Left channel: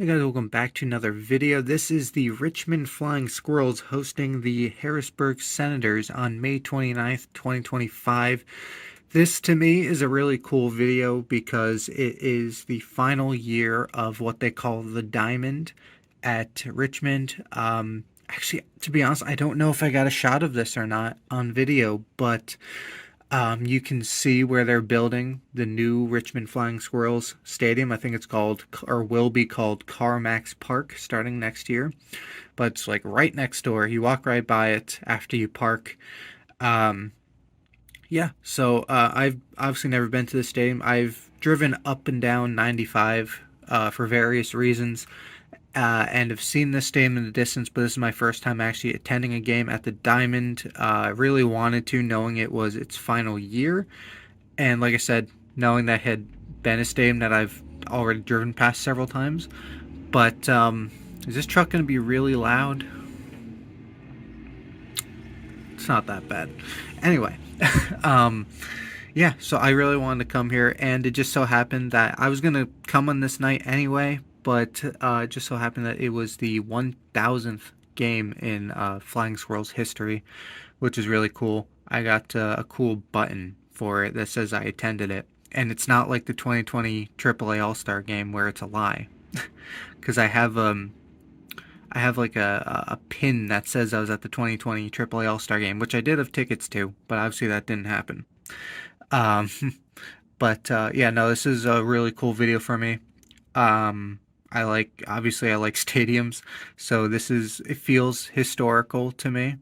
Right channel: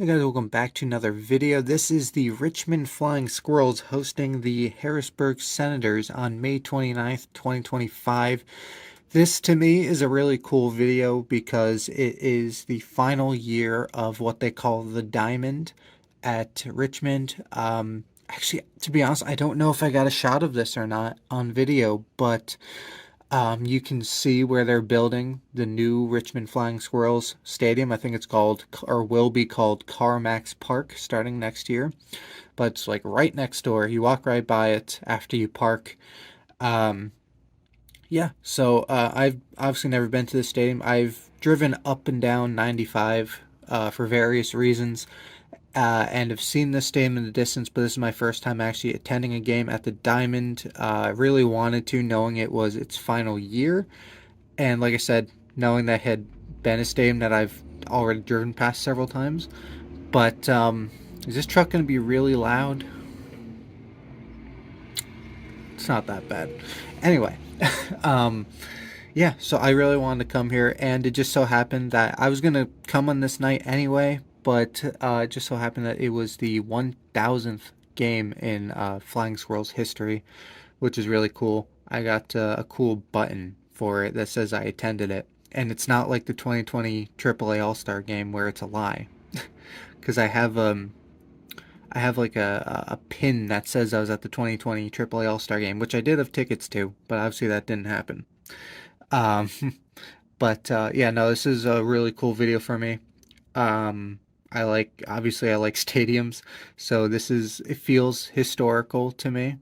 Hey guys, welcome back to another video. This is the Richmond Flying Squirrels hosting the Harrisburg Senators on May 29th, 2025. This to me is a really cool video because it is the final year of what they call the Diamond at Richmond. Actually, to be honest, I don't know if I got a shot of this or not on video, but you can see where they're building the new Richmond Flying Squirrels Stadium. I think it's called, or will be called, CarMax Park starting next year. But it's like right next door. You walk right by it after you park. Um, yeah, so I've obviously never been to the stadium. I've driven up and down 95 for various reasons and have seen this stadium in the distance, but this is my first time actually attending a game at the Diamond. I really wanted to, knowing it was its final year. And like I said, knowing that had been a stadium that I've already driven past several times. But is this truck going to be really loud? It's not that bad. Anyway, yeah, so I really wanted to come here, and it just so happened that I was going to come on this night anyway, but it just so happened that it was the 1000th game in Flying Squirrels history, which is really cool. I got a cool button for it that says I attended it, and it's not like the 2020 AAA All-Star game where it's a lie, because I have like a pin that says I was at the 2020 AAA All-Star game, which I did have tickets to, but obviously that didn't happen. Um, but yeah, no, this is a really cool video for me. Obviously I like stadiums, so it feels historical to me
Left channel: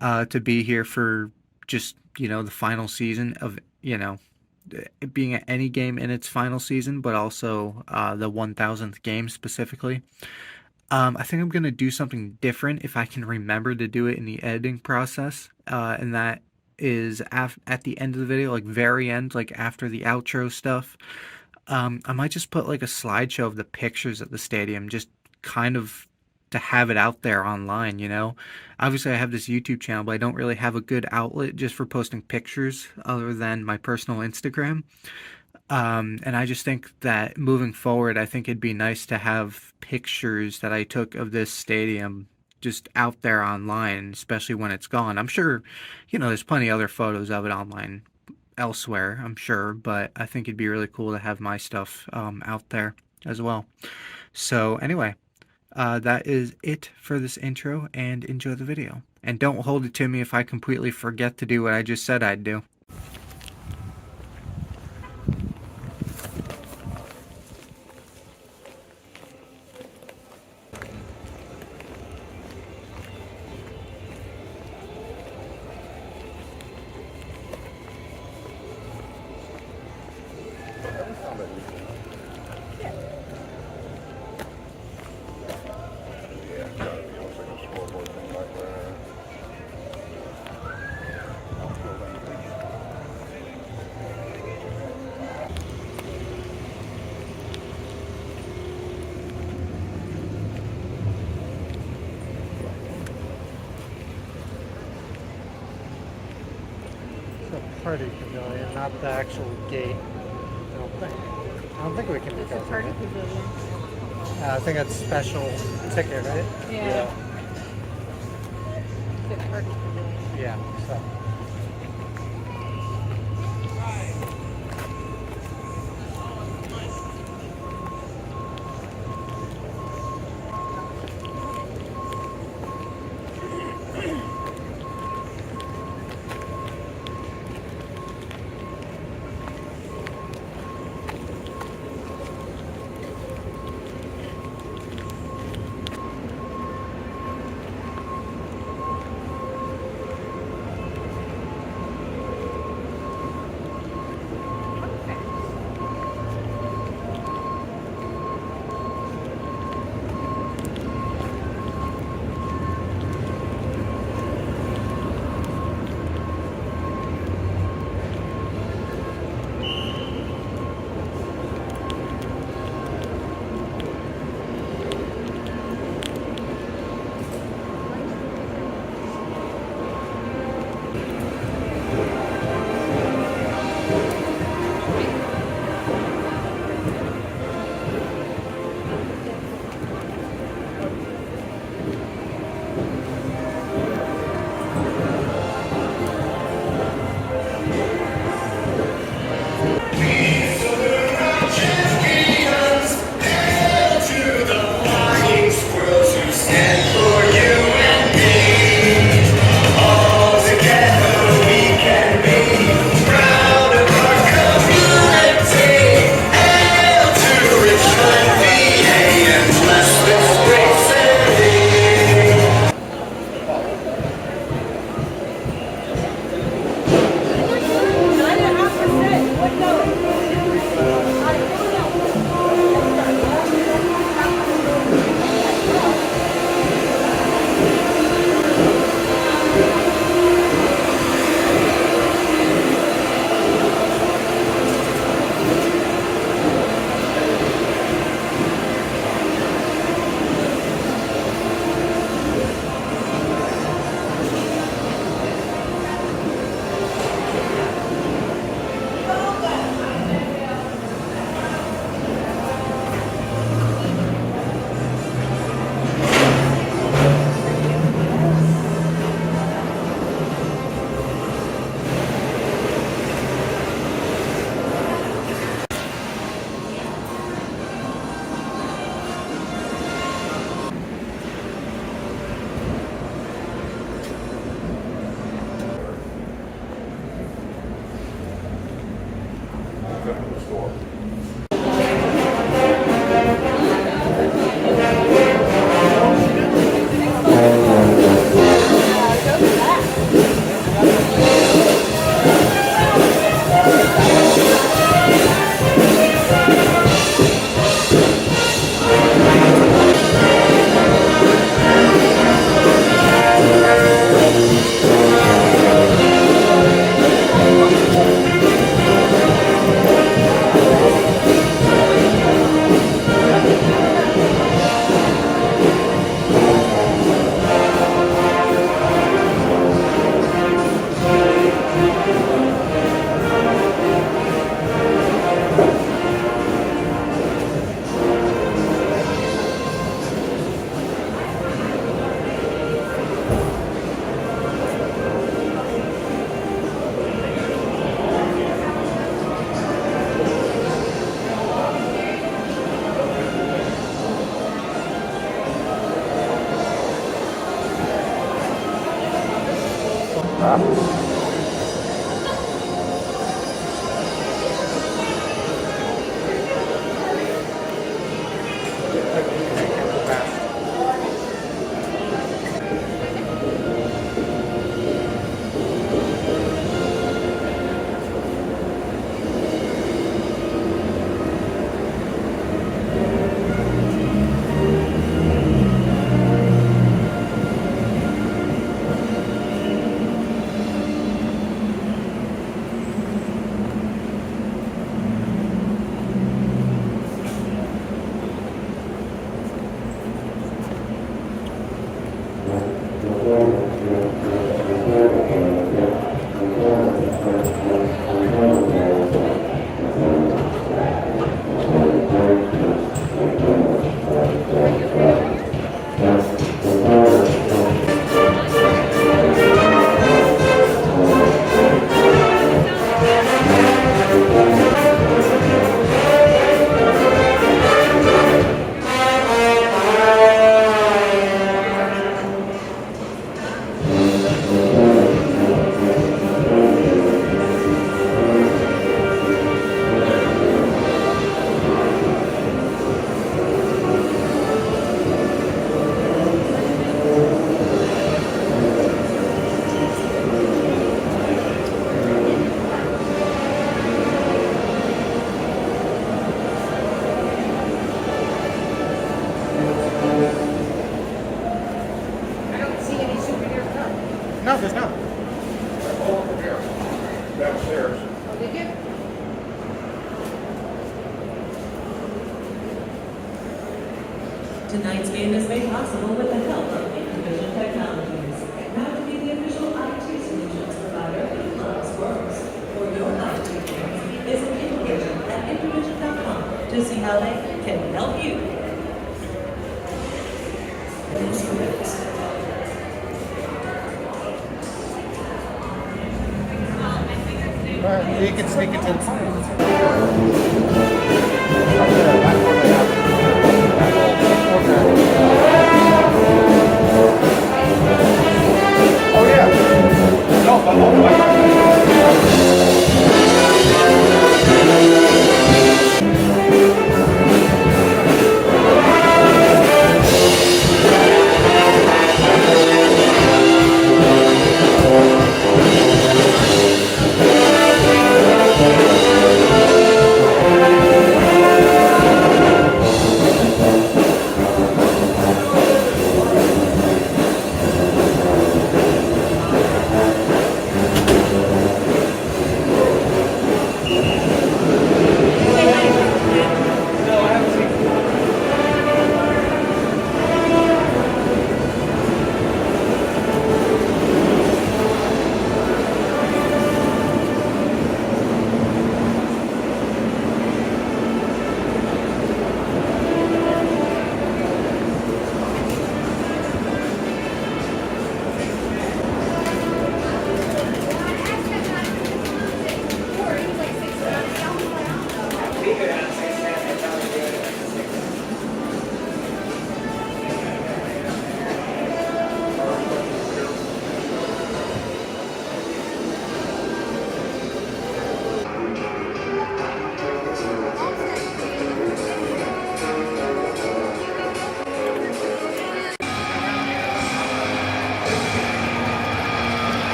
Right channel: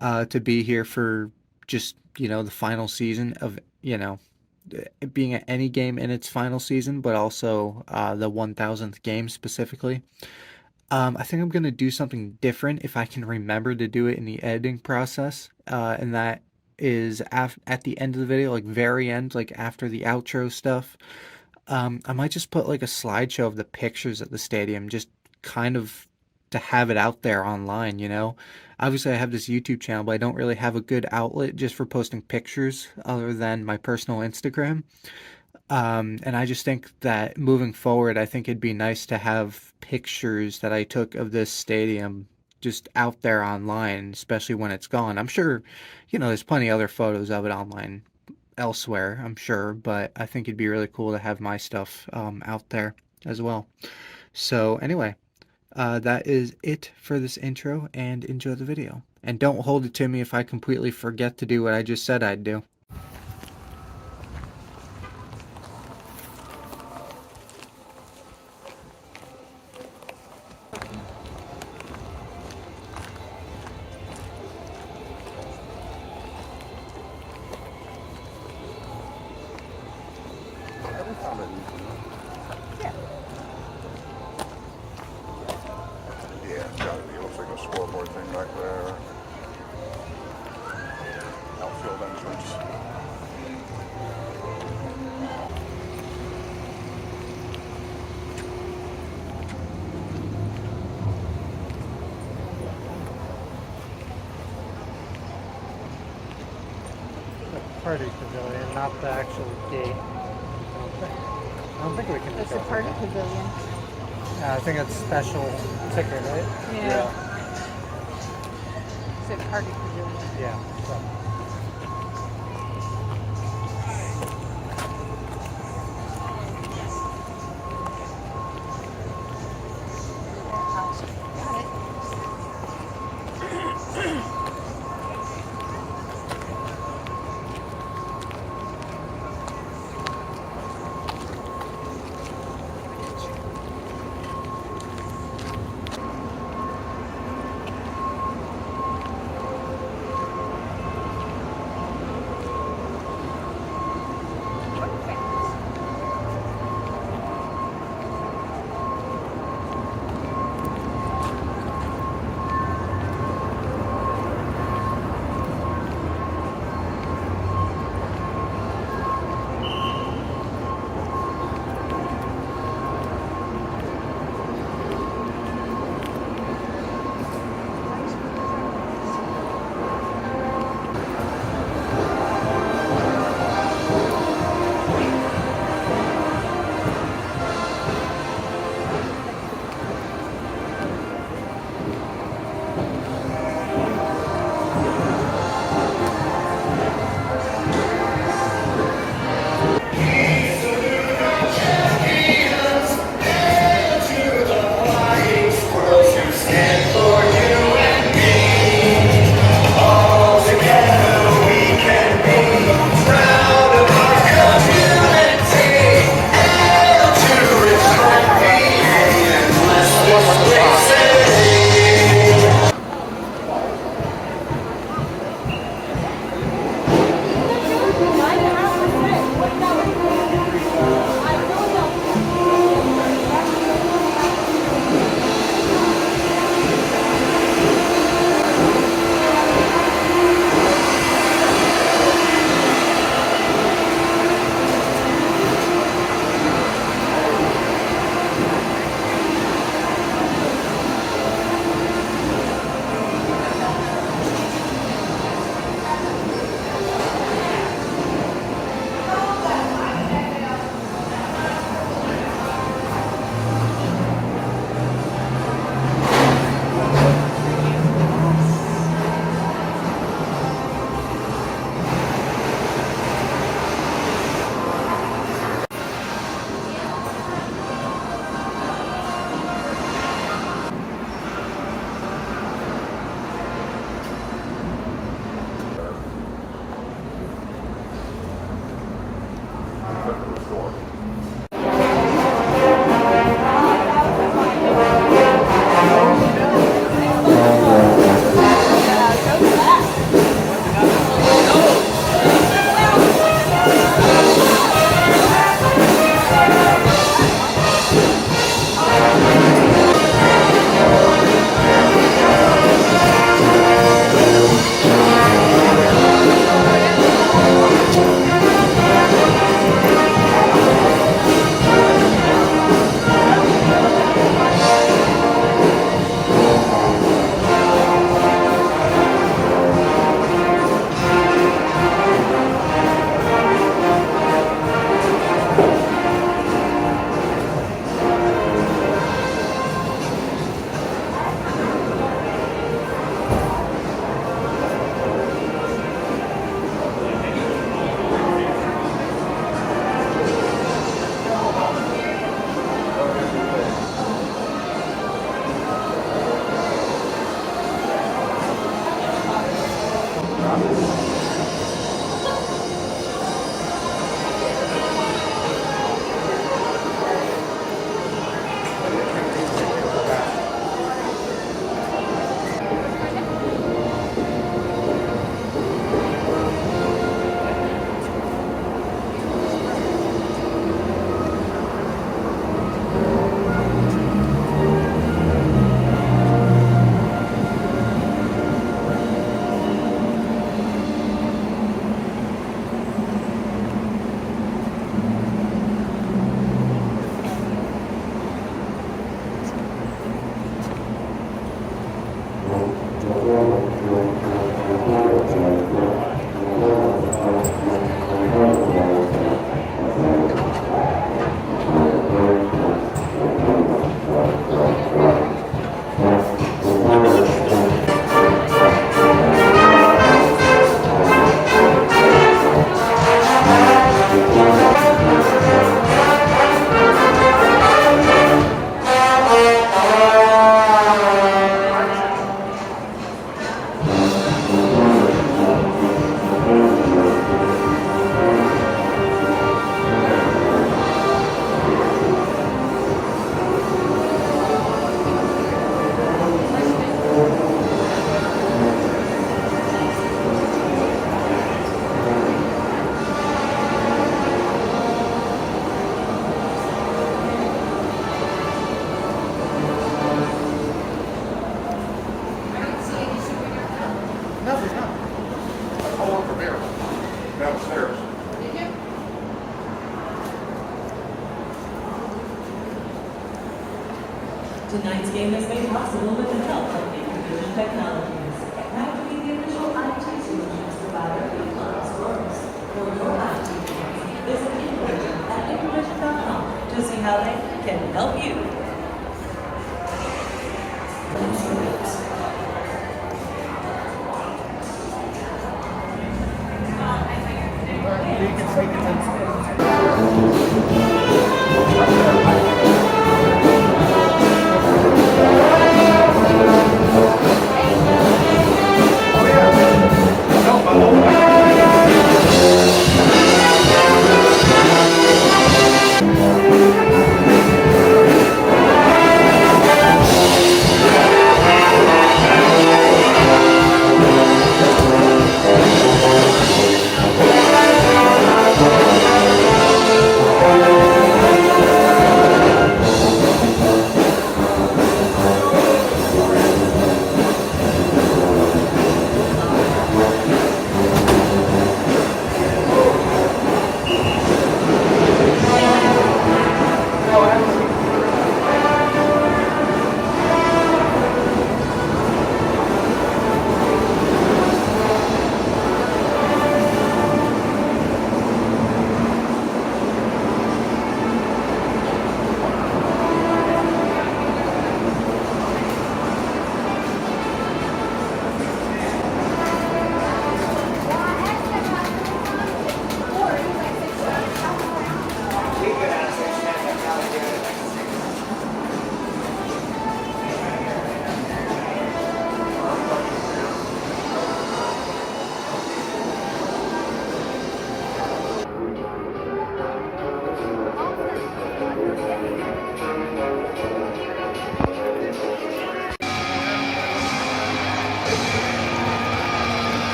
to be here for just, the final season of, it being at any game in its final season, but also the 1000th game specifically. I think I'm going to do something different if I can remember to do it in the editing process. And that is at the end of the video, like very end, like after the outro stuff. I might just put like a slideshow of the pictures at the stadium, just kind of to have it out there online, Obviously, I have this YouTube channel, but I don't really have a good outlet just for posting pictures other than my personal Instagram. And I just think that moving forward, I think it'd be nice to have pictures that I took of this stadium just out there online, especially when it's gone. I'm sure, there's plenty of other photos of it online elsewhere, I'm sure, but I think it'd be really cool to have my stuff out there as well. So anyway, that is it for this intro, and enjoy the video. And don't hold it to me if I completely forget to do what I just said I'd do. Yeah, looks like a scoreboard thing back there. Outfield entrance. The party pavilion, not the actual gate. I don't think. I don't think we can It's go a through party it. pavilion. I think it's special ticket, right? Yeah. It's a party pavilion. Yeah. So. come to the store. No, there's not. Oh, from here. Downstairs. Tonight's game is made possible with the help of Vision Technologies. Now to be the official IT solutions provider of Squirrels. For your IT needs, visit Vision at Vision.com to see how they can help you. All right, you can sneak it in.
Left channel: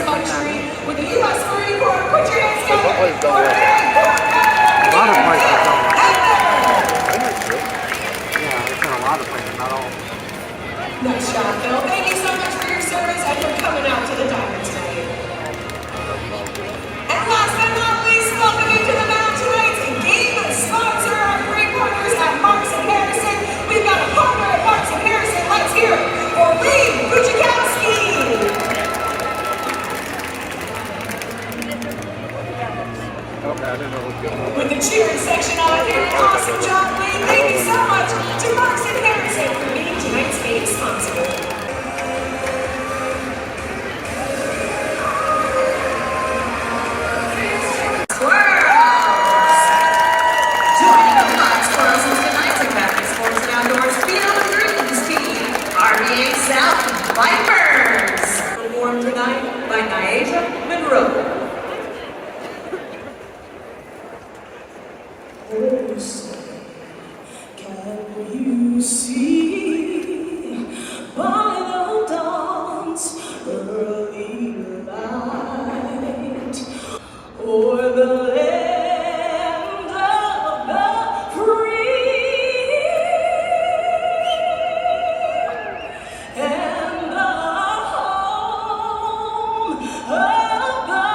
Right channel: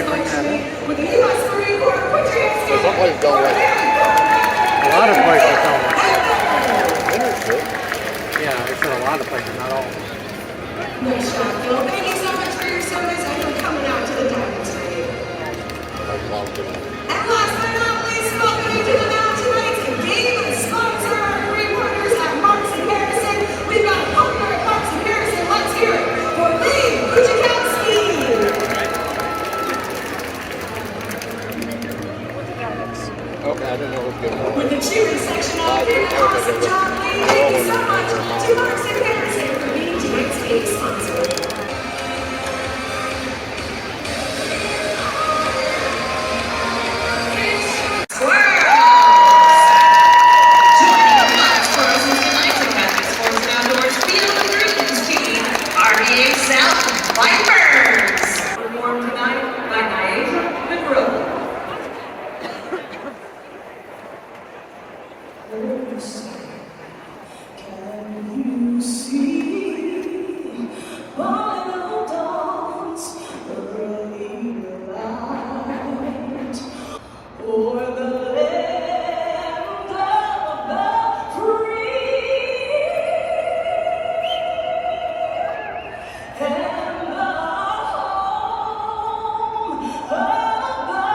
could bring that in. So some places don't let it. A lot of places don't like it. I knew so. Yeah, I said a lot of places, not all. Nice job, Phil. Thank you so much for your service and for coming out to the diner tonight. That's positive. And last but not least, welcome you to the mountain tonight's game sponsor, our great partners at Marks and Harrison. We've got a partner at Marks and Harrison. Let's hear it for Lee Bujakowski. Oh, I didn't know what was going on. With the cheering section out here, awesome job, Lee. Thank you so much to Marks and Harrison for being tonight's game sponsor. Squirrels! Joining the Black Squirrels is the Knights of Happy Sports and Outdoors Field of Dreams team, RBA South Vipers. Performed tonight by Nyasha Monroe. Can you see by the dawn's early light, o'er the land of the free and the home of the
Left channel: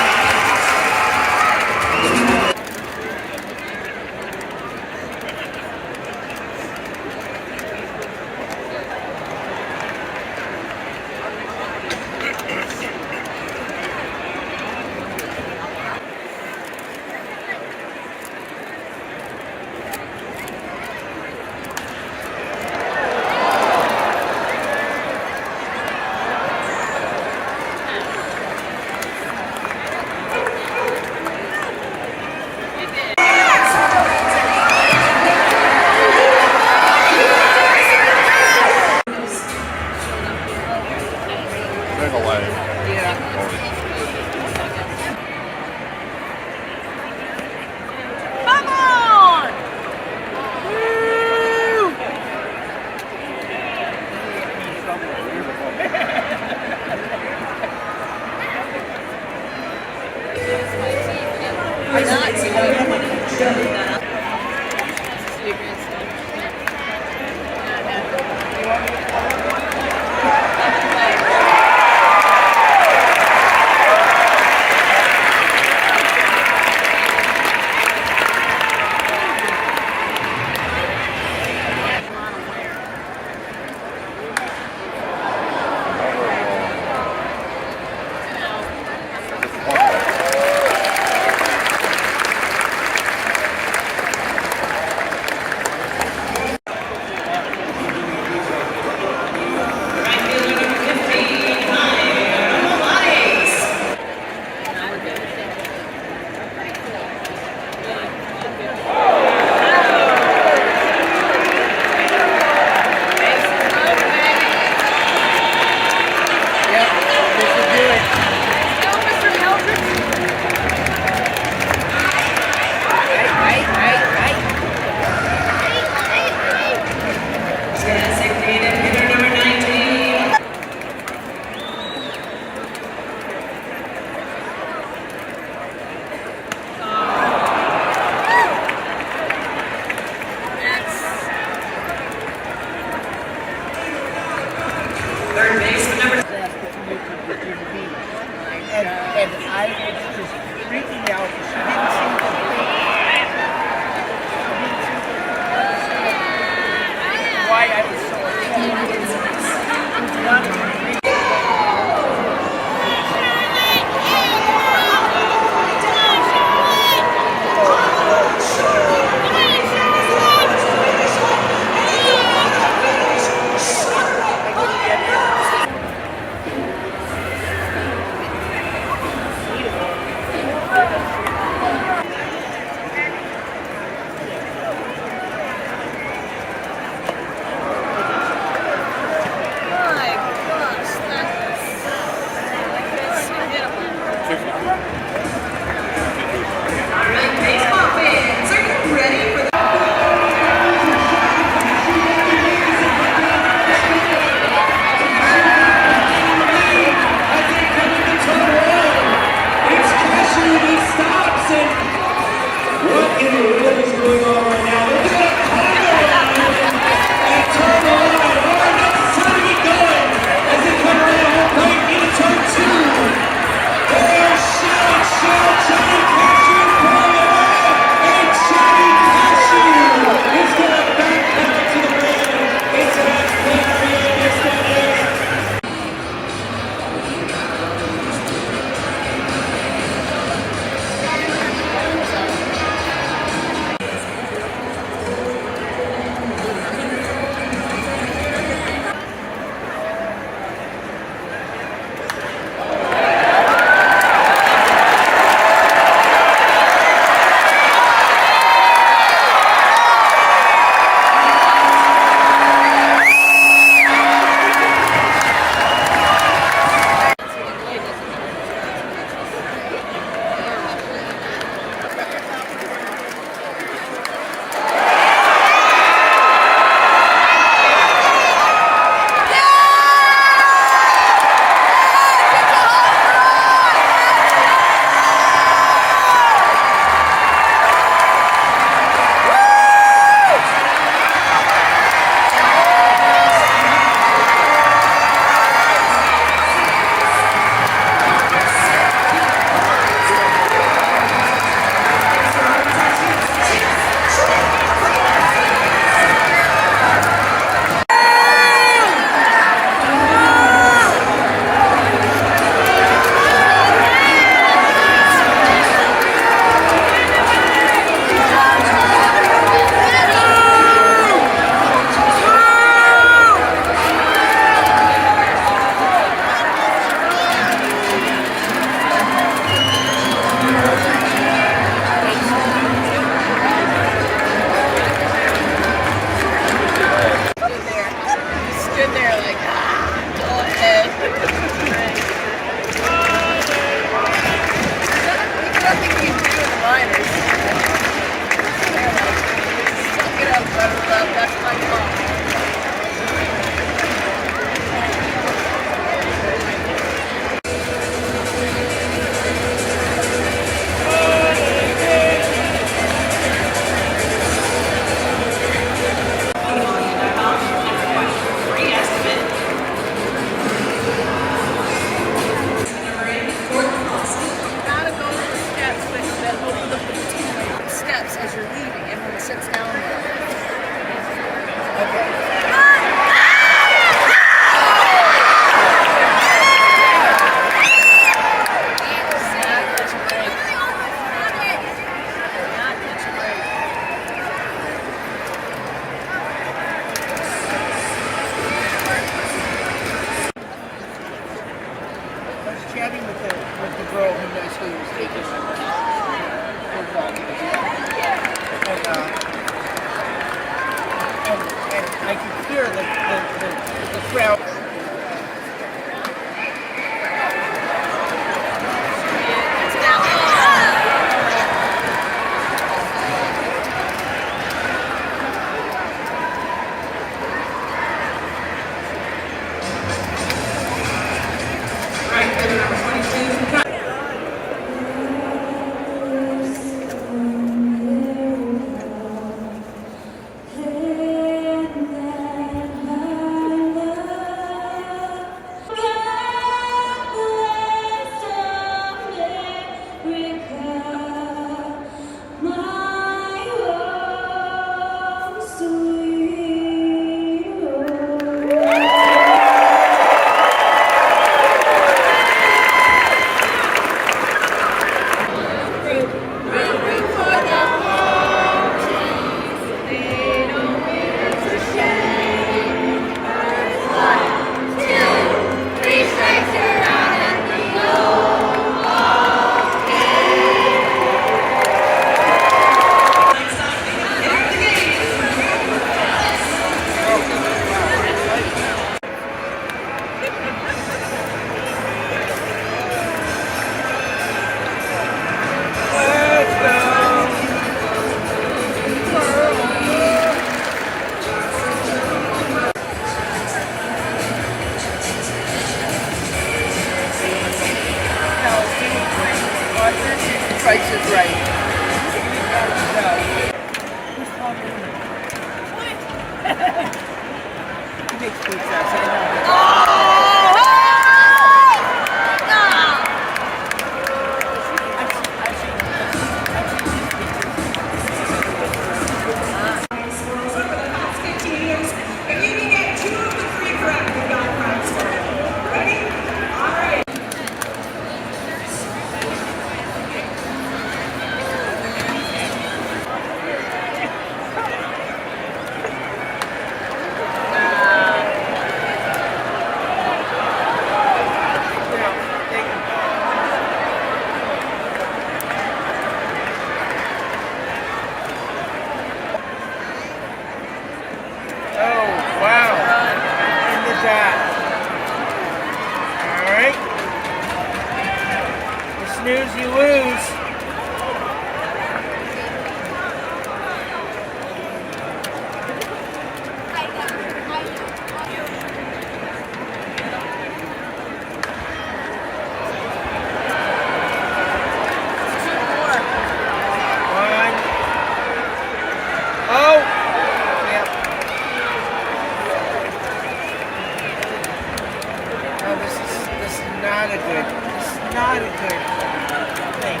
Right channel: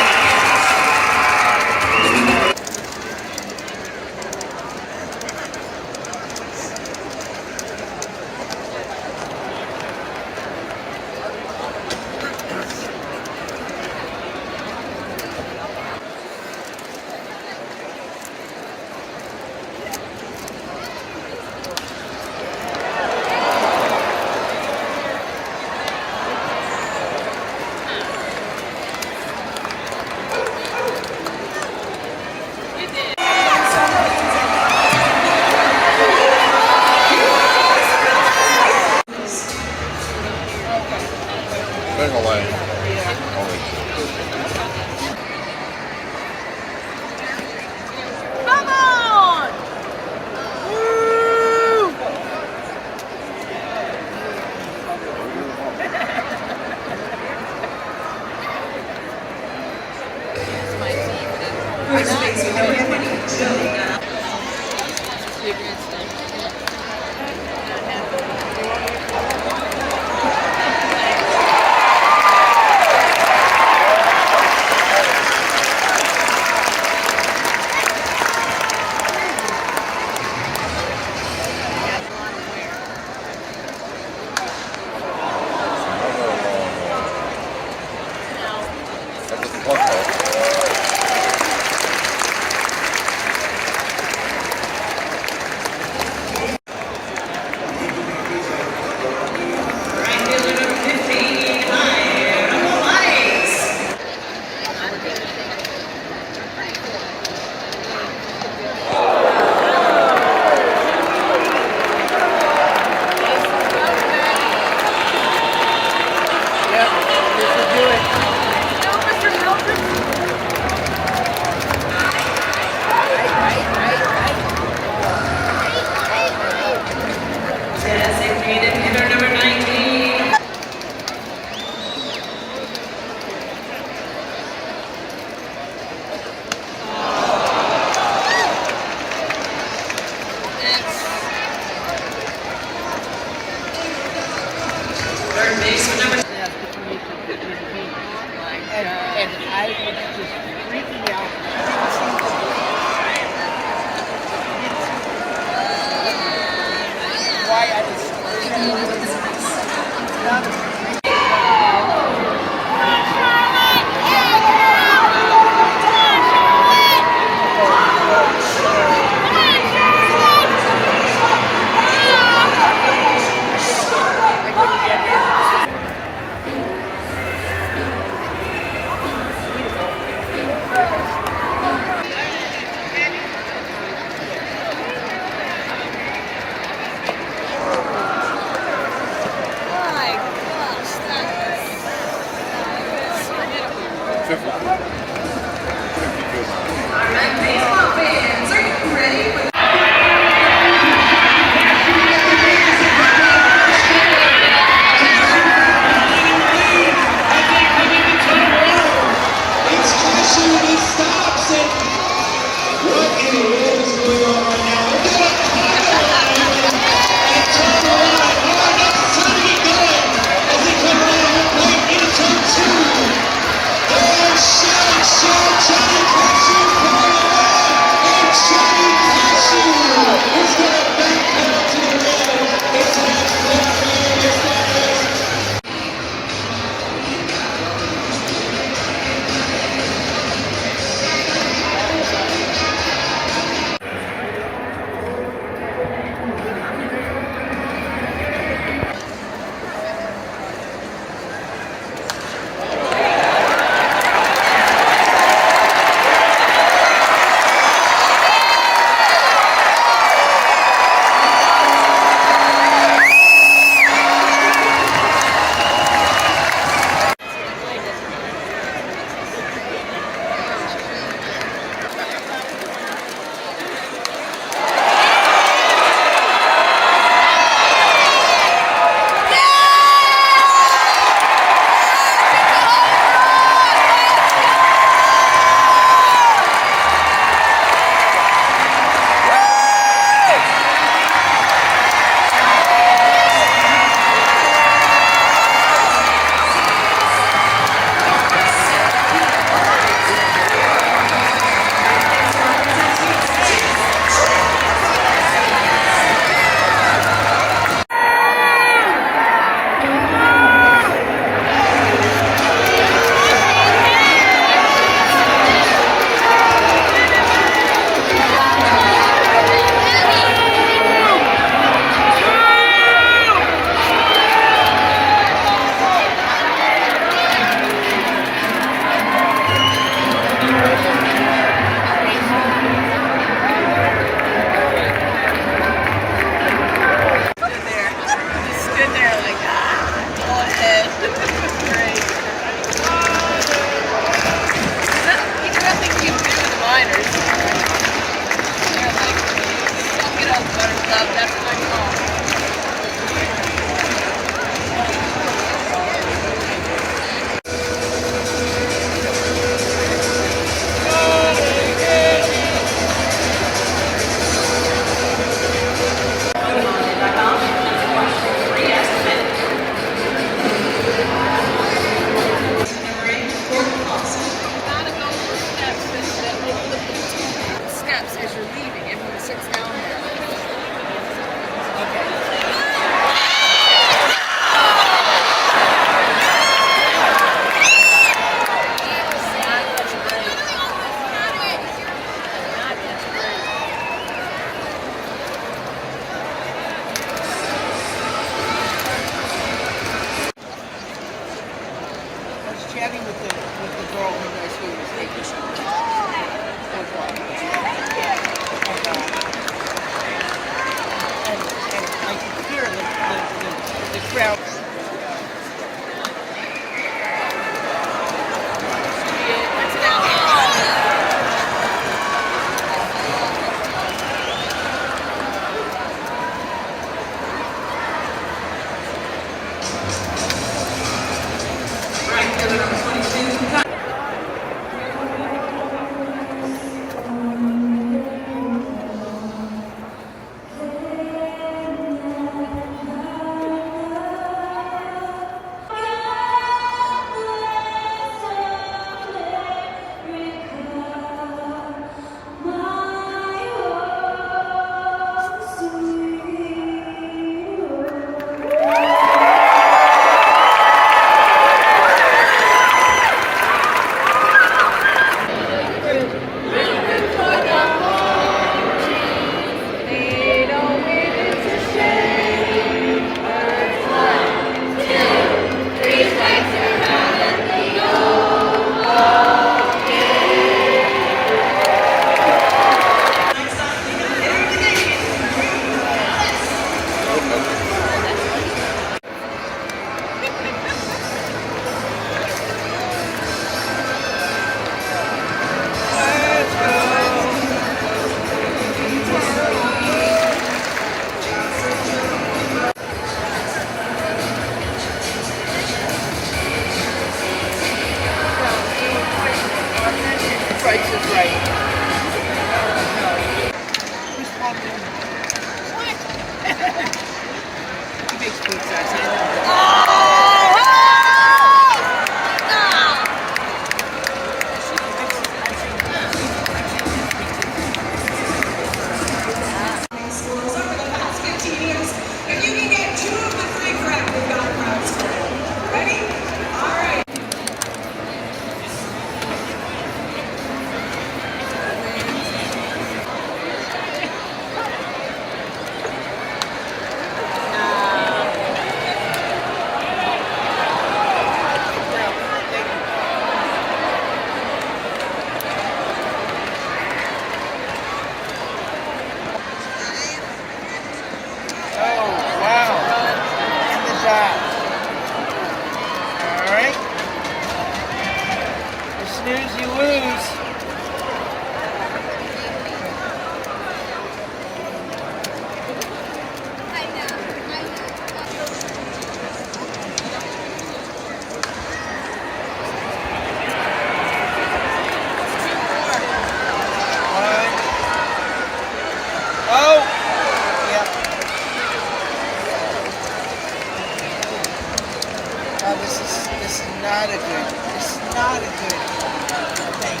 not a good. It's not a good thing.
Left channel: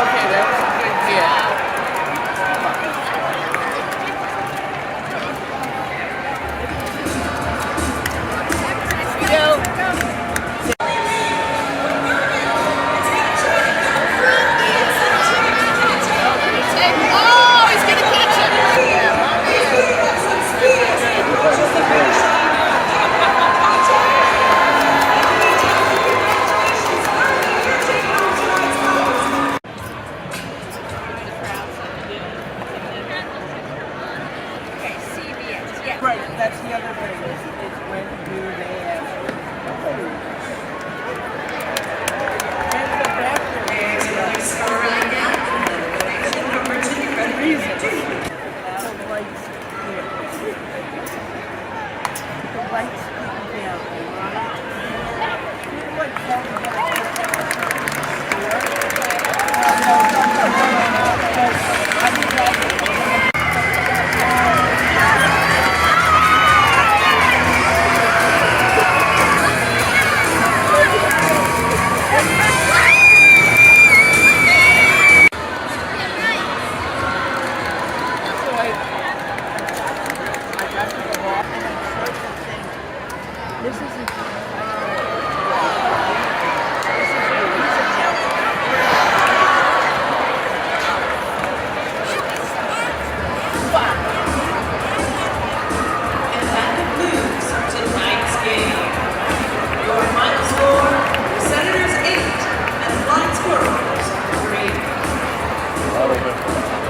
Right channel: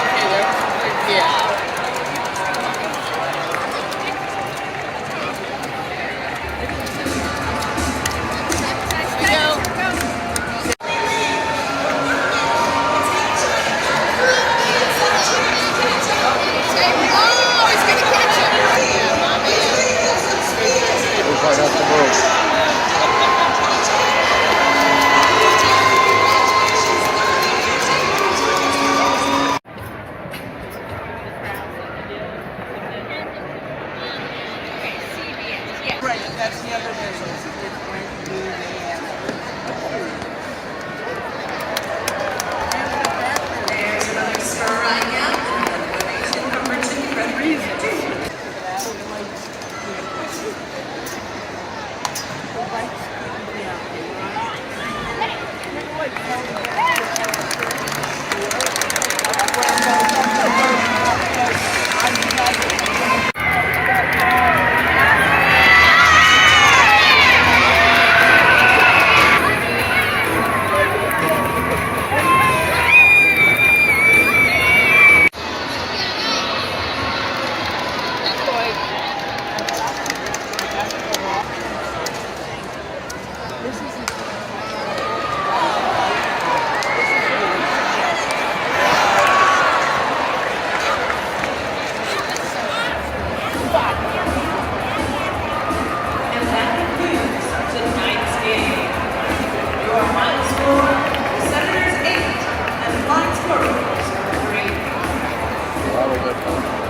Okay, that's yeah. Right, that's the other way. It's brand new and And that concludes tonight's game. Your final score, Senators 8 and Flying Squirrels 3.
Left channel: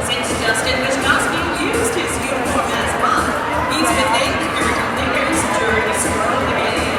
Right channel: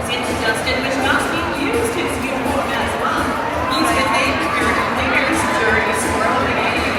Since Justin Wisnowski used his uniform as mine, he's been named the Bears during the score of the game.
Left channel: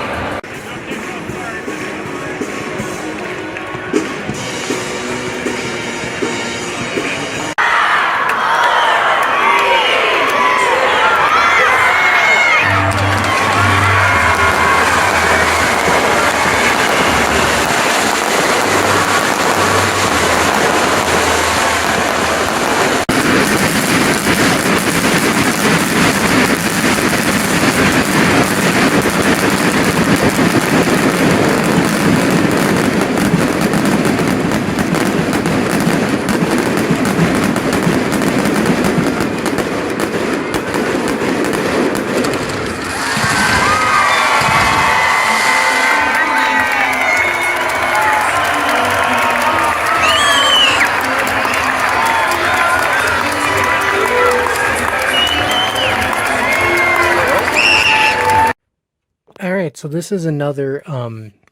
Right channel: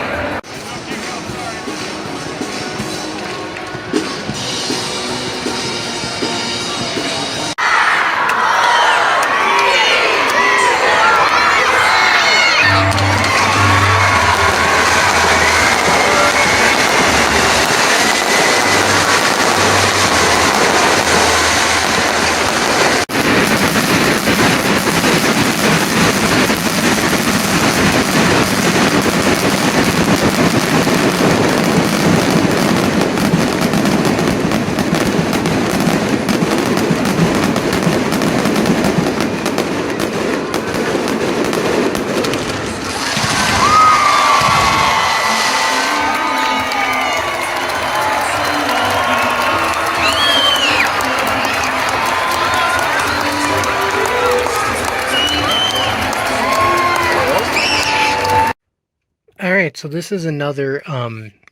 All right, so this is another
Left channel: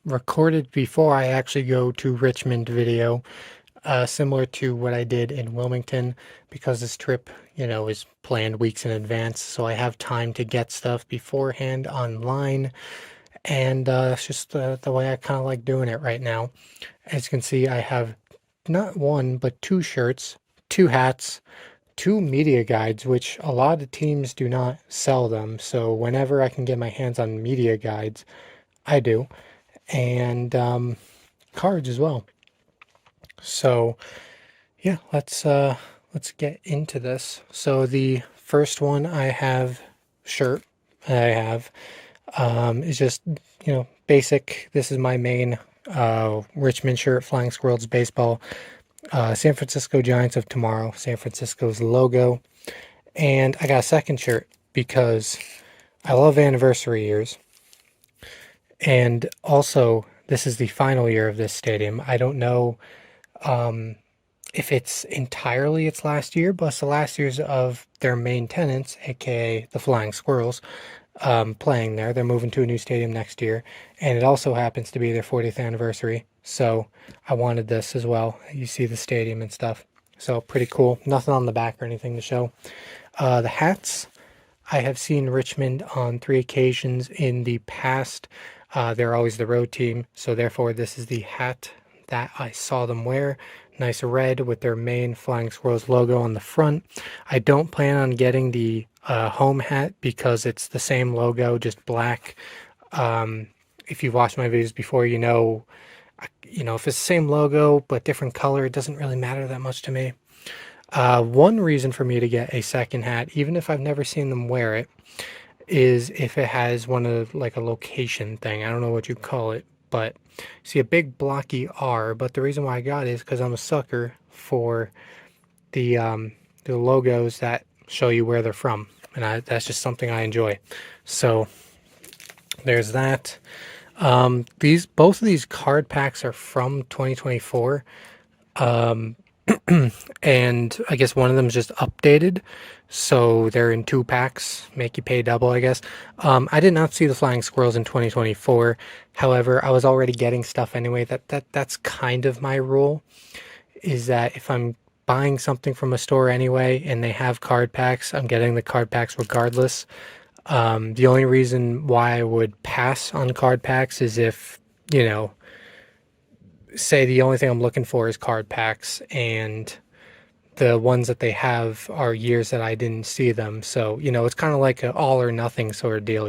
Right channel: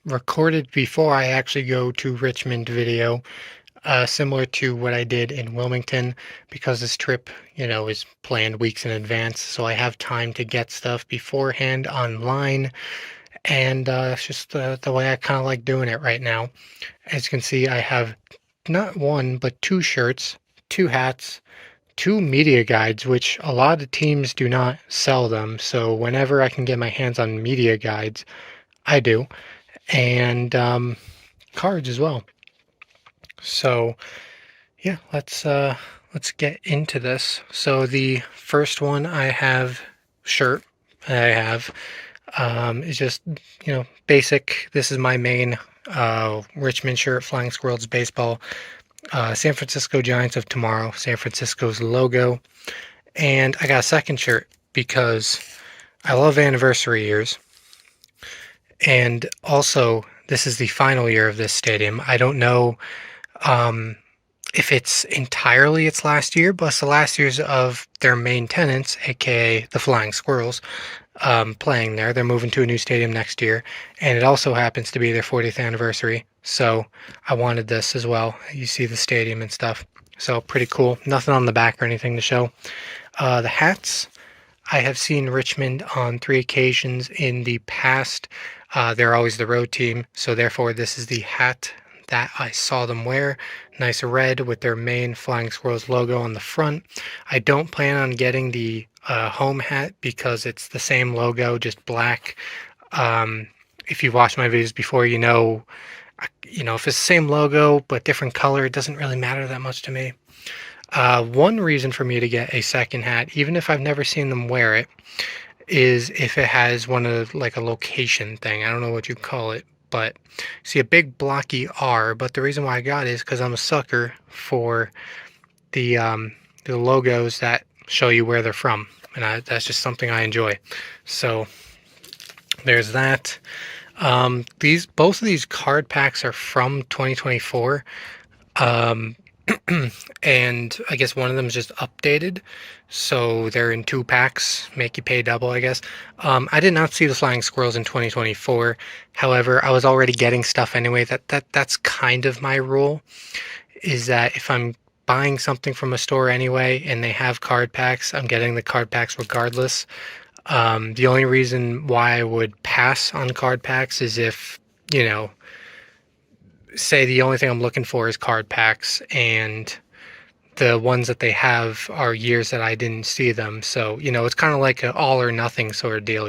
recorded before I actually go to Richmond video, similar to what I did in Wilmington, because this trip, is planned weeks in advance, so I have time to get stuff beforehand online, and it's just the way I kind of like doing it right now. As you can see, I have not one, but two shirts, two hats, two media guides, which a lot of teams do not sell them. So whenever I can get my hands on media guides, I do, and cards as well. So yeah, let's get into this. So the first one I have shirt I have is just basic. This is my main Richmond shirt, Flying Squirrels baseball. San Francisco Giants of tomorrow, San Francisco's logo. And I got a second shirt because I love anniversary years. And also, this is the final year of this stadium. I don't know if it's entirely its last year, but it's the last years of their main tenants, aka the Flying Squirrels, playing there. They're moving to a new stadium next year, and it also happens to be their 40th anniversary. So I wanted this as well. You see the stadium and stuff. So pretty cool. Nothing on the back or anything to show. The hats, I have seen Richmond on 3 occasions in the past. They're always the road team, so therefore this is the hat that I saw them wear. Nice red with their main Flying Squirrels logo on the front. I don't plan on getting the home hat because it's the same logo, just black, if you've watched my videos before, if it's the same logo but different color, it doesn't really matter that much to me. One reason for me to get a second hat, even if I've never seen them wear it, is if it has one of like a location thing. I don't know what you call it, but see a big blocky R. But the reason why I got it is because I'm a sucker for the logos that show you where they're from, and that's just something I enjoy. So there's that. Both of these card packs are from 2024. And I guess one of them is just updated, so they're in 2 packs, make you pay double, I guess. I did not see the Flying Squirrels in 2024. However, I was already getting stuff anyway. That's kind of my rule, is that if I'm buying something from a store anyway and they have card packs, I'm getting the card packs regardless. The only reason why I would pass on card packs is if, say the only thing I'm looking for is card packs, and the ones that they have are years that I didn't see them. So, it's kind of like an all or nothing sort of deal,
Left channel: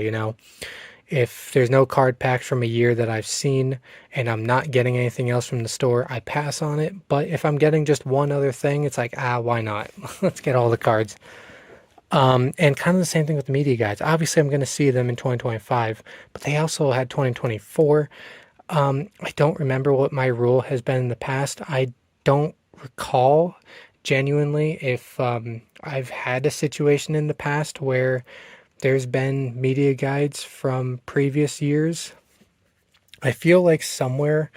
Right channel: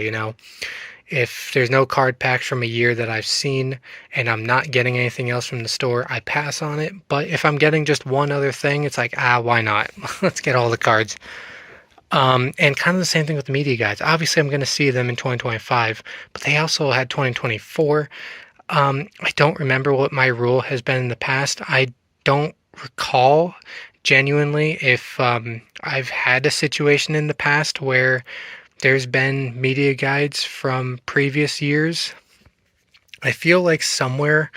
If there's no card packs from a year that I've seen and I'm not getting anything else from the store, I pass on it. But if I'm getting just one other thing, it's like, why not? Let's get all the cards. And kind of the same thing with the media guides. Obviously, I'm going to see them in 2025, but they also had 2024. I don't remember what my rule has been in the past. I don't recall genuinely if I've had a situation in the past where there's been media guides from previous years. I feel like somewhere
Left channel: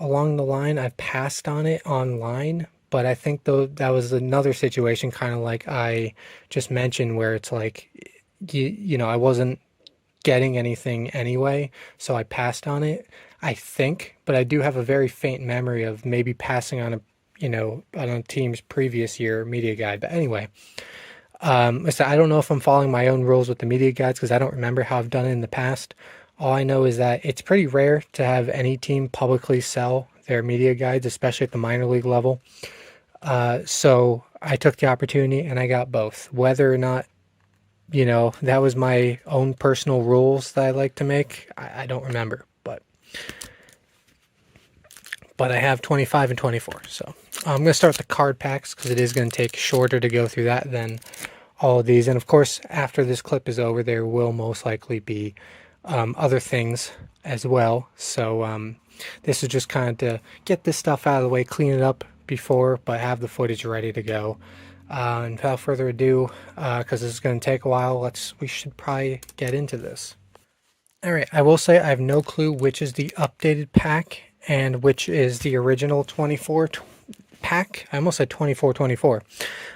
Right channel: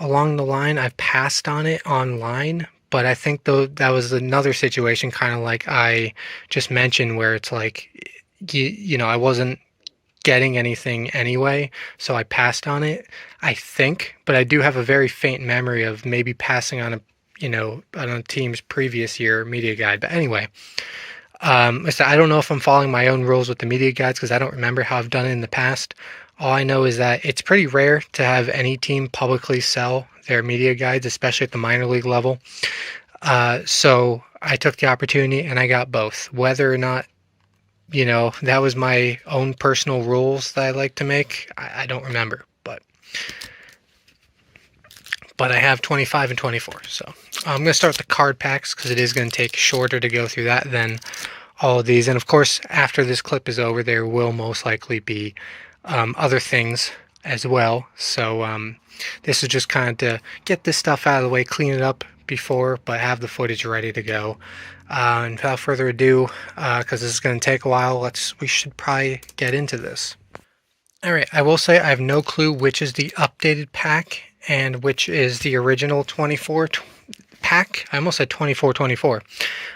along the line I've passed on it online, but I think though that was another situation kind of like I just mentioned where it's like I wasn't getting anything anyway, so I passed on it, I think. But I do have a very faint memory of maybe passing on on a team's previous year media guide. But anyway, so I don't know if I'm following my own rules with the media guides because I don't remember how I've done it in the past. All I know is that it's pretty rare to have any team publicly sell their media guides, especially at the minor league level. So I took the opportunity and I got both. Whether or not that was my own personal rules that I like to make, I don't remember, but I have 25 and 24. So I'm going to start with the card packs because it is going to take shorter to go through that than all of these. And of course, after this clip is over, there will most likely be other things as well. So this is just kind of to get this stuff out of the way, clean it up before, but have the footage ready to go. And without further ado, because this is going to take a while, we should probably get into this. All right, I will say I have no clue which is the updated pack and which is the original 24 pack. I almost said 24.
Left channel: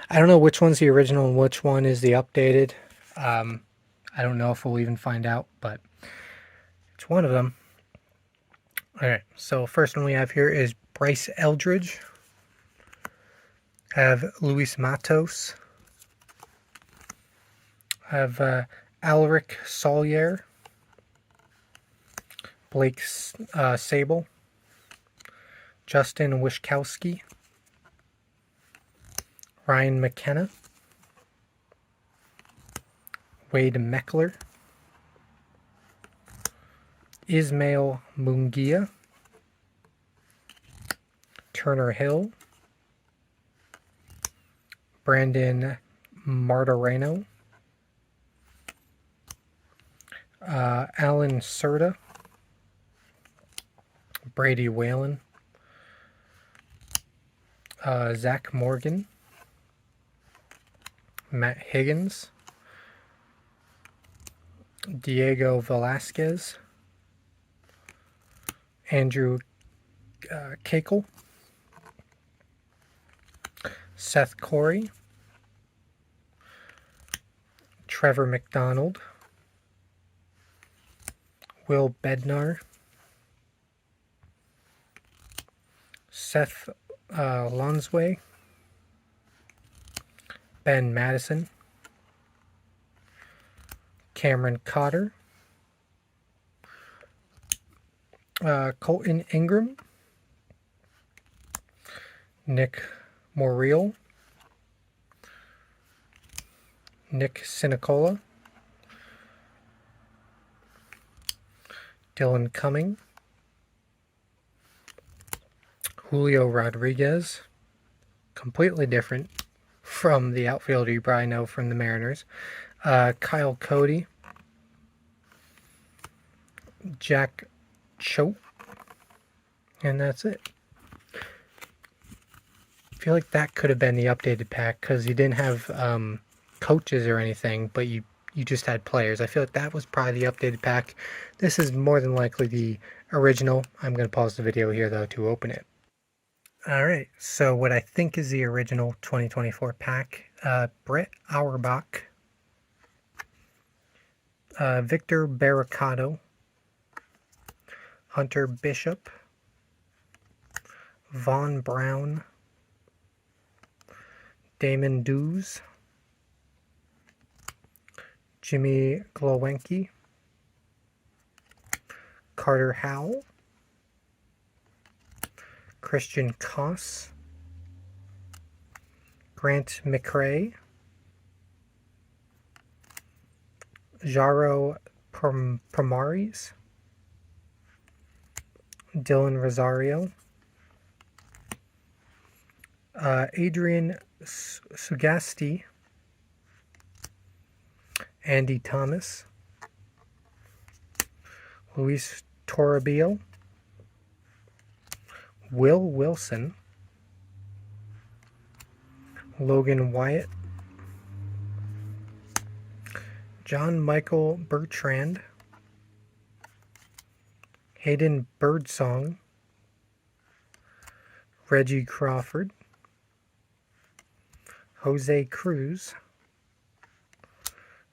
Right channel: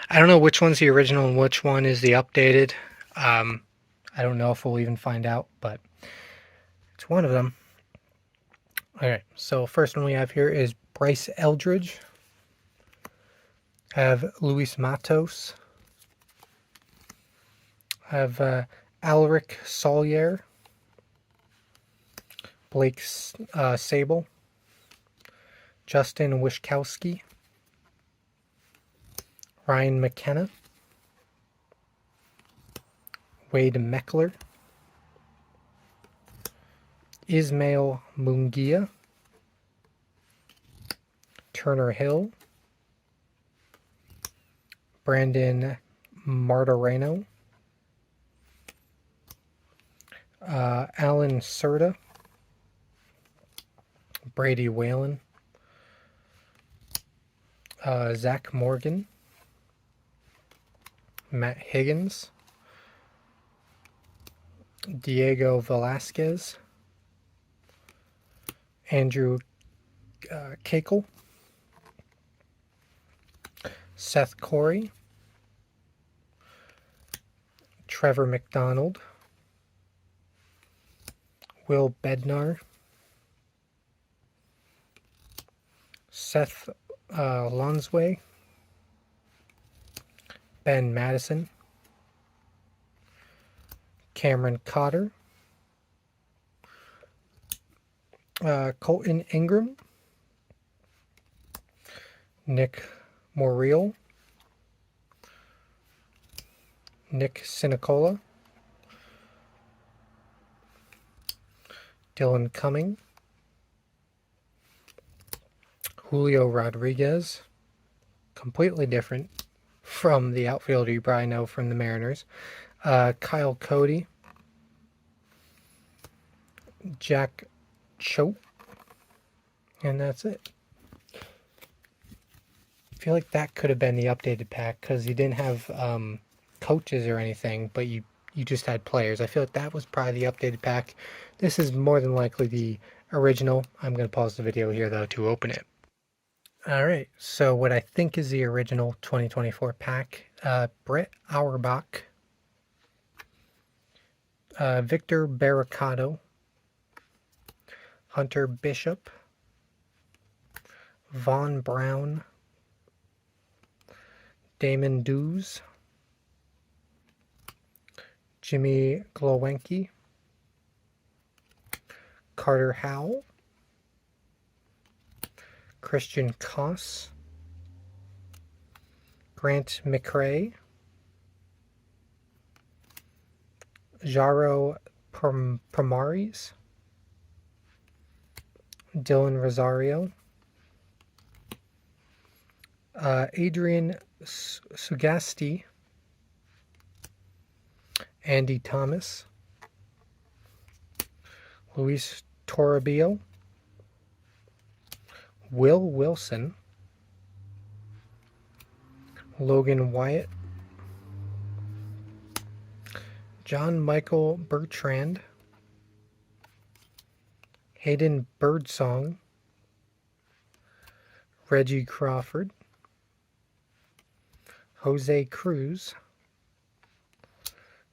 I don't know which one's the original and which one is the updated. I don't know if we'll even find out, but it's one of them. All right, so first one we have here is Bryce Eldridge. I have Luis Matos. I have Alric Solier. Blake Sable. Justin Wischkowski. Ryan McKenna. Wade Meckler. Ismail Mungia. Turner Hill. Brandon Martoreno. Alan Serta. Brady Whalen. Zach Morgan. Matt Higgins. Diego Velasquez. Andrew Kakel. Seth Corey. Trevor McDonald. Will Bednar. Seth Lonsway. Ben Madison. Cameron Cotter. Colton Ingram. Nick Moriel. Nick Sinicola. Dylan Cumming, Julio Rodriguez, completely different from the outfielder you probably know from the Mariners. Kyle Cody, Jack Choate, and that's it. I feel like that could have been the updated pack because you didn't have coaches or anything, but you just had players. I feel like that was probably the updated pack. This is more than likely the original. I'm going to pause the video here, though, to open it. Alright, so what I think is the original 2024 pack, Brett Auerbach, Victor Barricado, Hunter Bishop, Vaughn Brown, Damon Dews, Jimmy Glowinski, Carter Howell, Christian Koss, Grant McRae, Jaro Primaris, Dylan Rosario, Adrian Sugasti, Andy Thomas, Luis Toribio, Will Wilson, Logan Wyatt, John Michael Bertrand, Hayden Birdsong, Reggie Crawford, Jose Cruz,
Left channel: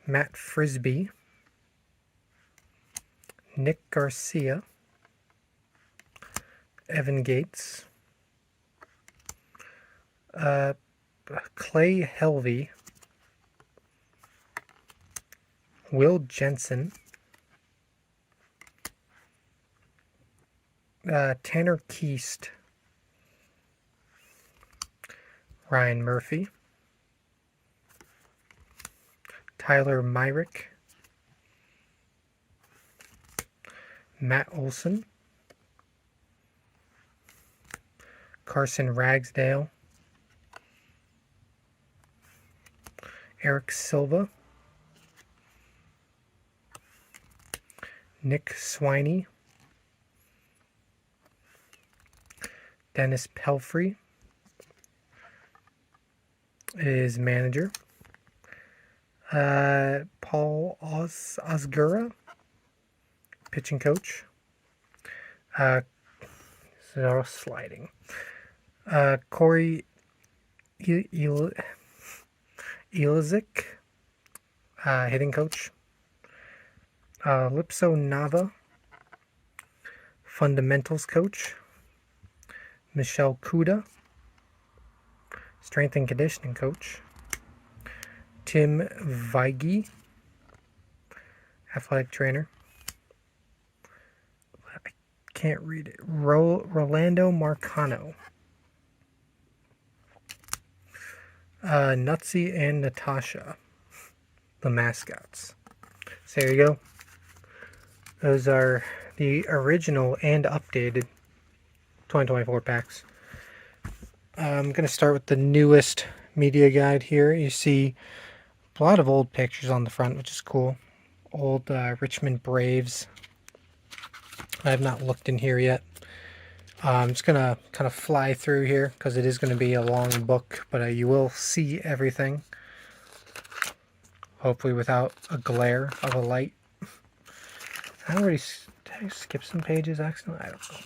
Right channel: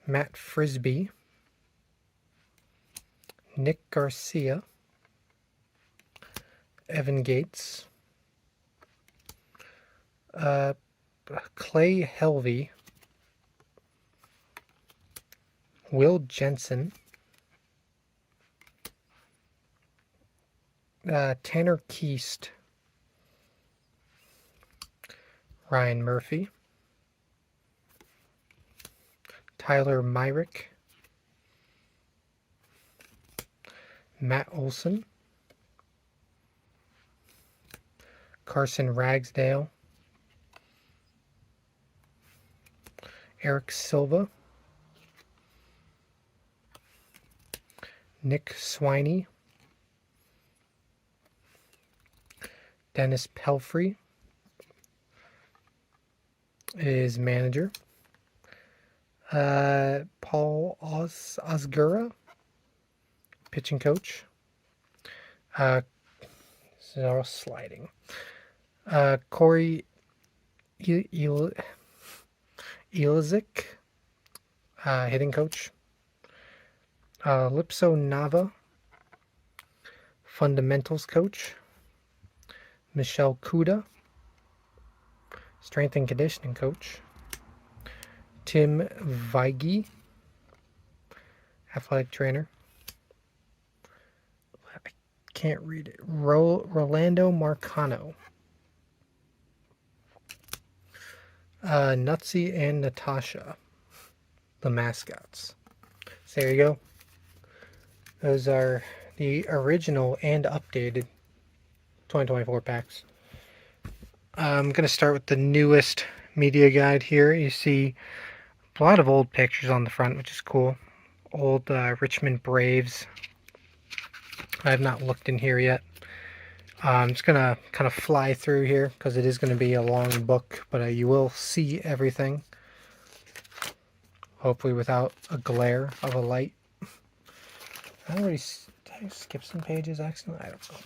Matt Frisbee, Nick Garcia, Evan Gates, Clay Helvey, Will Jensen, Tanner Keast, Ryan Murphy, Tyler Myrick, Matt Olson, Carson Ragsdale, Eric Silva, Nick Swiney, Dennis Pelfrey is manager, Paul Osgura, pitching coach, so sliding, Corey Elizik, hitting coach, Lipso Nava, fundamentals coach, Michelle Kuda, strength and conditioning coach, Tim Weige, athletic trainer, I can't read it, Rolando Marcano, Nutsy and Natasha, the mascots. So there you go. Those are the original and updated 2024 packs. I'm going to start with the newest media guide here. You see a lot of old pictures on the front, which is cool. Old Richmond Braves. I have not looked in here yet. I'm just going to kind of fly through here because it is going to be a long book, but you will see everything. Hopefully without a glare of a light. Did I skip some pages accidentally? I don't know.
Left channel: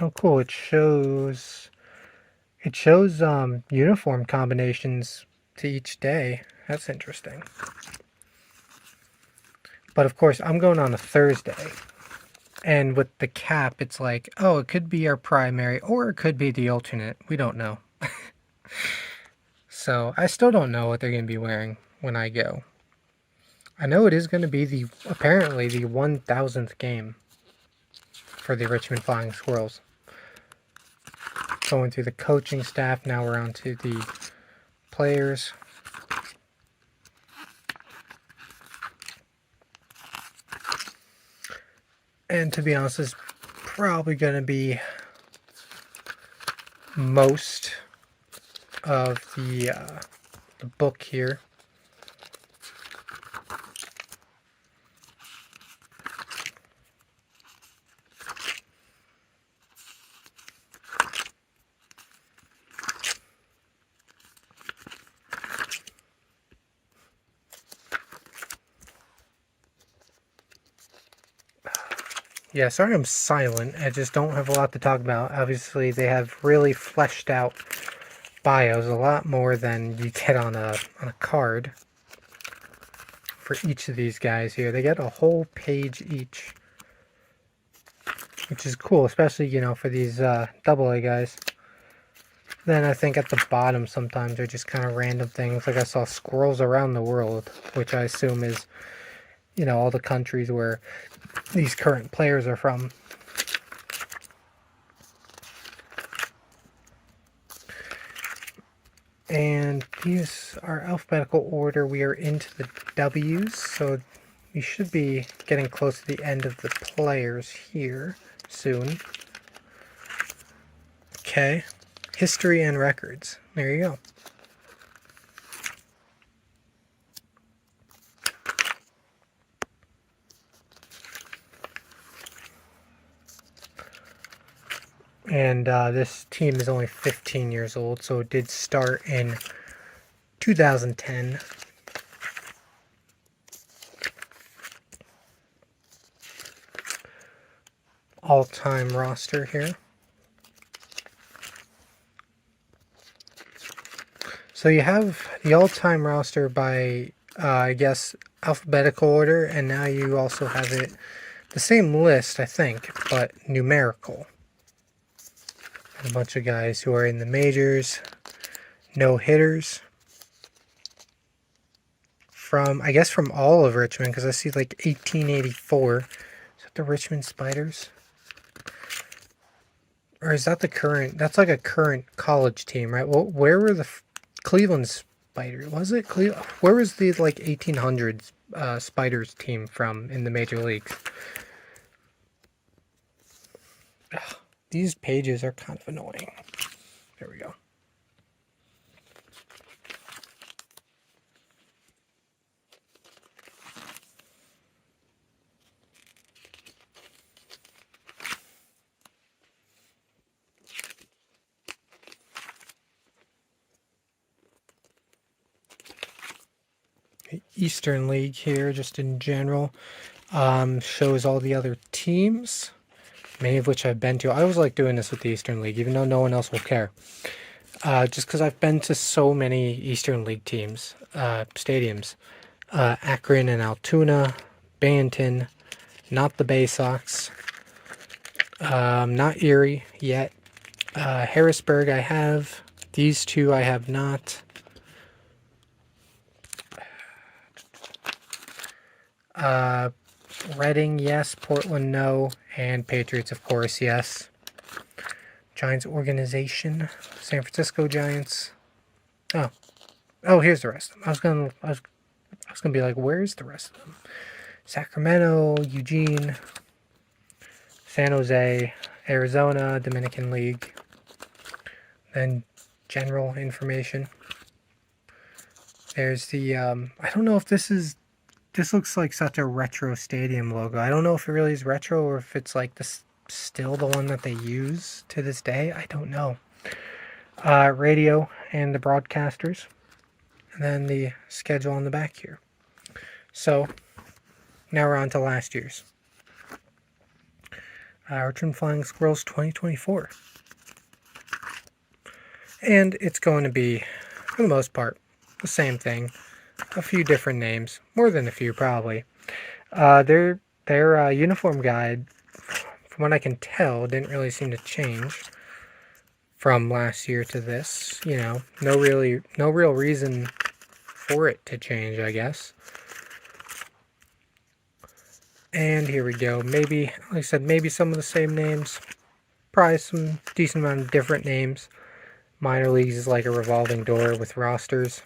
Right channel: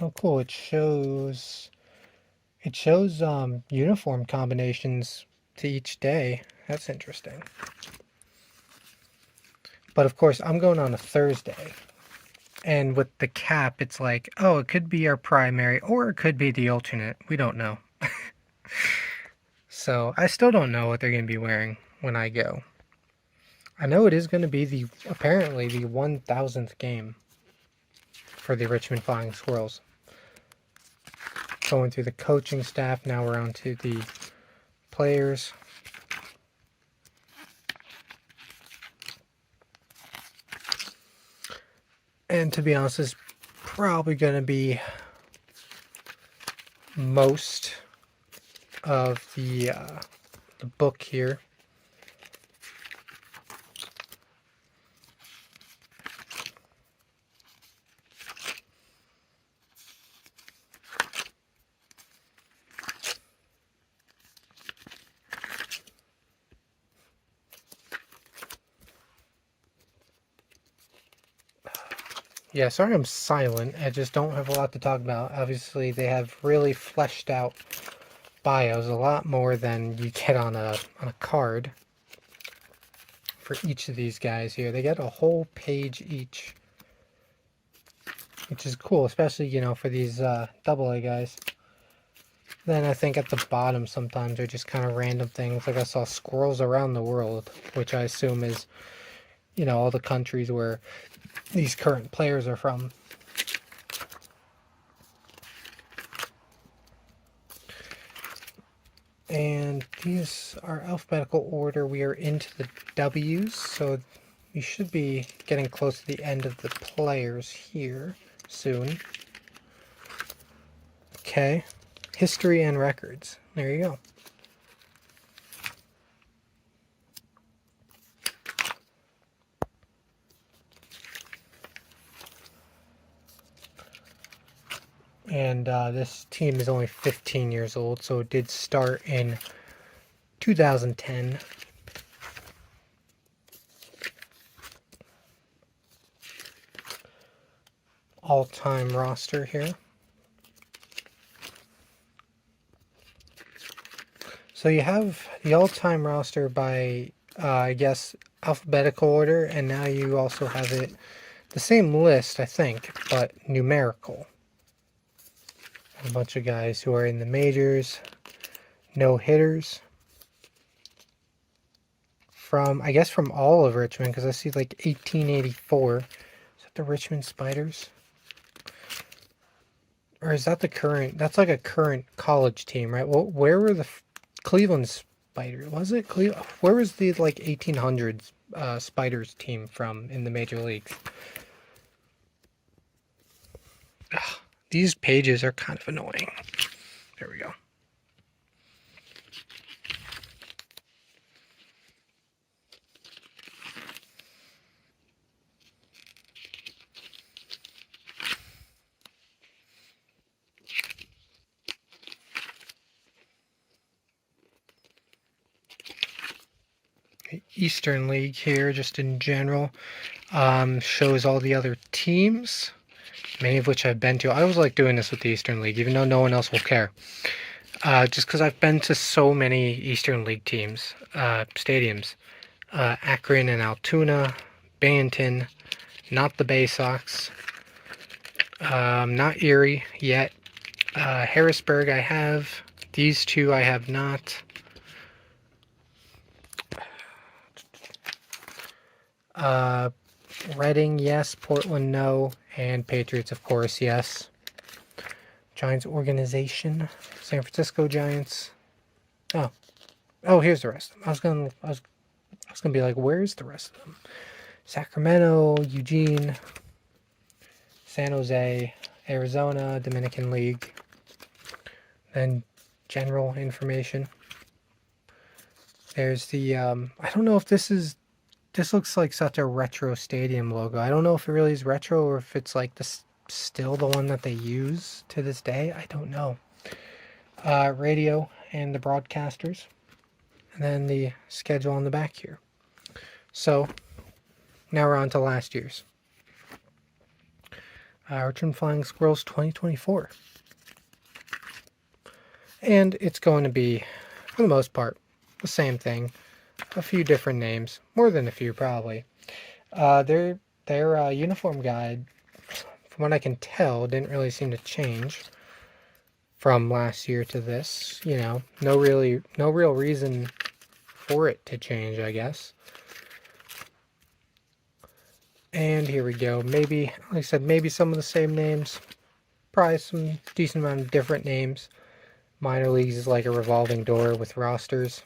Oh, cool! It shows uniform combinations to each day. That's interesting. But of course, I'm going on a Thursday, and with the cap, it's like, oh, it could be our primary, or it could be the alternate. We don't know. So I still don't know what they're going to be wearing when I go. I know it is going to be apparently the 1000th game for the Richmond Flying Squirrels. Going through the coaching staff, now we're on to the players. And to be honest, this is probably going to be most of the book here. Yeah, sorry I'm silent. I just don't have a lot to talk about. Obviously, they have really fleshed out bios, a lot more than you get on a card for each of these guys here. They get a whole page each, which is cool, especially, you know, for these AA guys. Then I think at the bottom sometimes are just kind of random things. Like I saw Squirrels Around the World, which I assume is, you know, all the countries where these current players are from. And these are alphabetical order. We are into the W's, so we should be getting close to the end of the players here soon. Okay, history and records. There you go. And this team is only 15 years old, so it did start in 2010. All-time roster here. So you have the all-time roster by, I guess, alphabetical order, and now you also have it, the same list, I think, but numerical. A bunch of guys who are in the majors, no hitters from, I guess, from all of Richmond, because I see like 1884. Is that the Richmond Spiders? Or is that the current? That's like a current college team, right? Well, where were the Cleveland Spiders? Was it Cleveland? Where was the like 1800s Spiders team from in the major leagues? Ugh, these pages are kind of annoying. There we go. Eastern League here, just in general, shows all the other teams, many of which I've been to. I always like doing this with the Eastern League, even though no one else will care. Just because I've been to so many Eastern League teams, stadiums. Akron and Altoona, Binghamton, not the Bay Sox, not Erie yet. Harrisburg I have. These two I have not. Reading, yes. Portland, no. And Patriots, of course, yes. Giants organization. San Francisco Giants. Oh, here's the rest of them. I was gonna be like, where's the rest of them? Sacramento, Eugene, San Jose, Arizona, Dominican League. Then general information. There's the I don't know if this looks like such a retro stadium logo. I don't know if it really is retro or if it's like this still the one that they use to this day. I don't know. Radio and the broadcasters. And then the schedule on the back here. So, now we're on to last year's. Richmond Flying Squirrels 2024. And it's going to be, for the most part, the same thing. A few different names. More than a few, probably. Their uniform guide, from what I can tell, didn't really seem to change from last year to this. You know, no real reason for it to change, I guess. And here we go. Maybe, like I said, maybe some of the same names. Probably some decent amount of different names. Minor leagues is like a revolving door with rosters.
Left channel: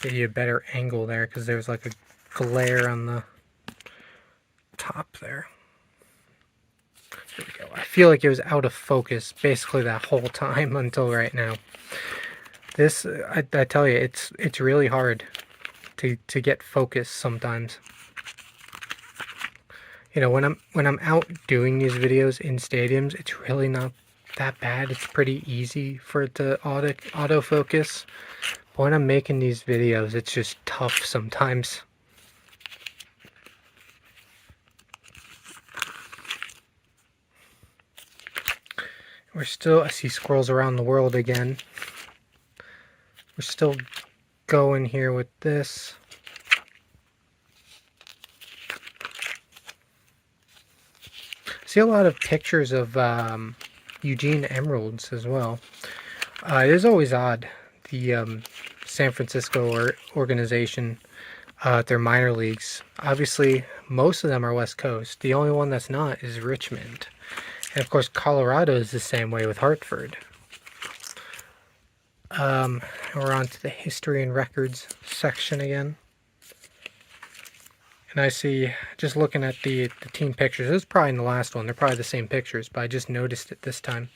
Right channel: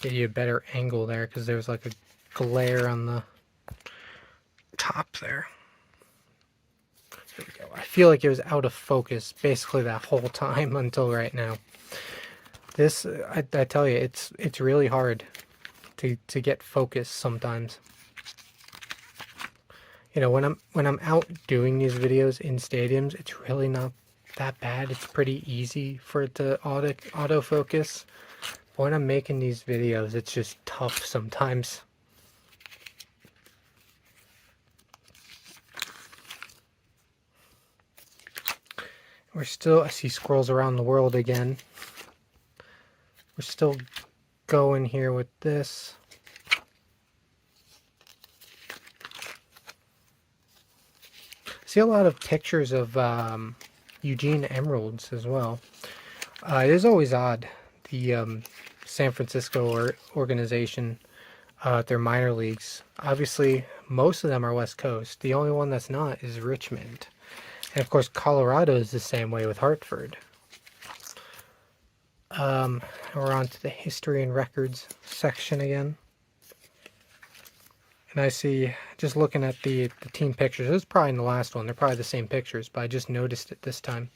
Get you a better angle there because there's like a glare on the top there. There we go. I feel like it was out of focus basically that whole time until right now. This, I tell you, it's really hard to get focus sometimes. You know, when I'm out doing these videos in stadiums, it's really not that bad. It's pretty easy for it to autofocus. But when I'm making these videos, it's just tough sometimes. We're still, I see squirrels around the world again. We're still going here with this. I see a lot of pictures of Eugene emeralds as well. It is always odd. The San Francisco organization, their minor leagues, obviously most of them are West Coast. The only one that's not is Richmond. And of course, Colorado is the same way with Hartford. We're on to the history and records section again. And I see, just looking at the team pictures, it was probably in the last one. They're probably the same pictures, but I just noticed it this time.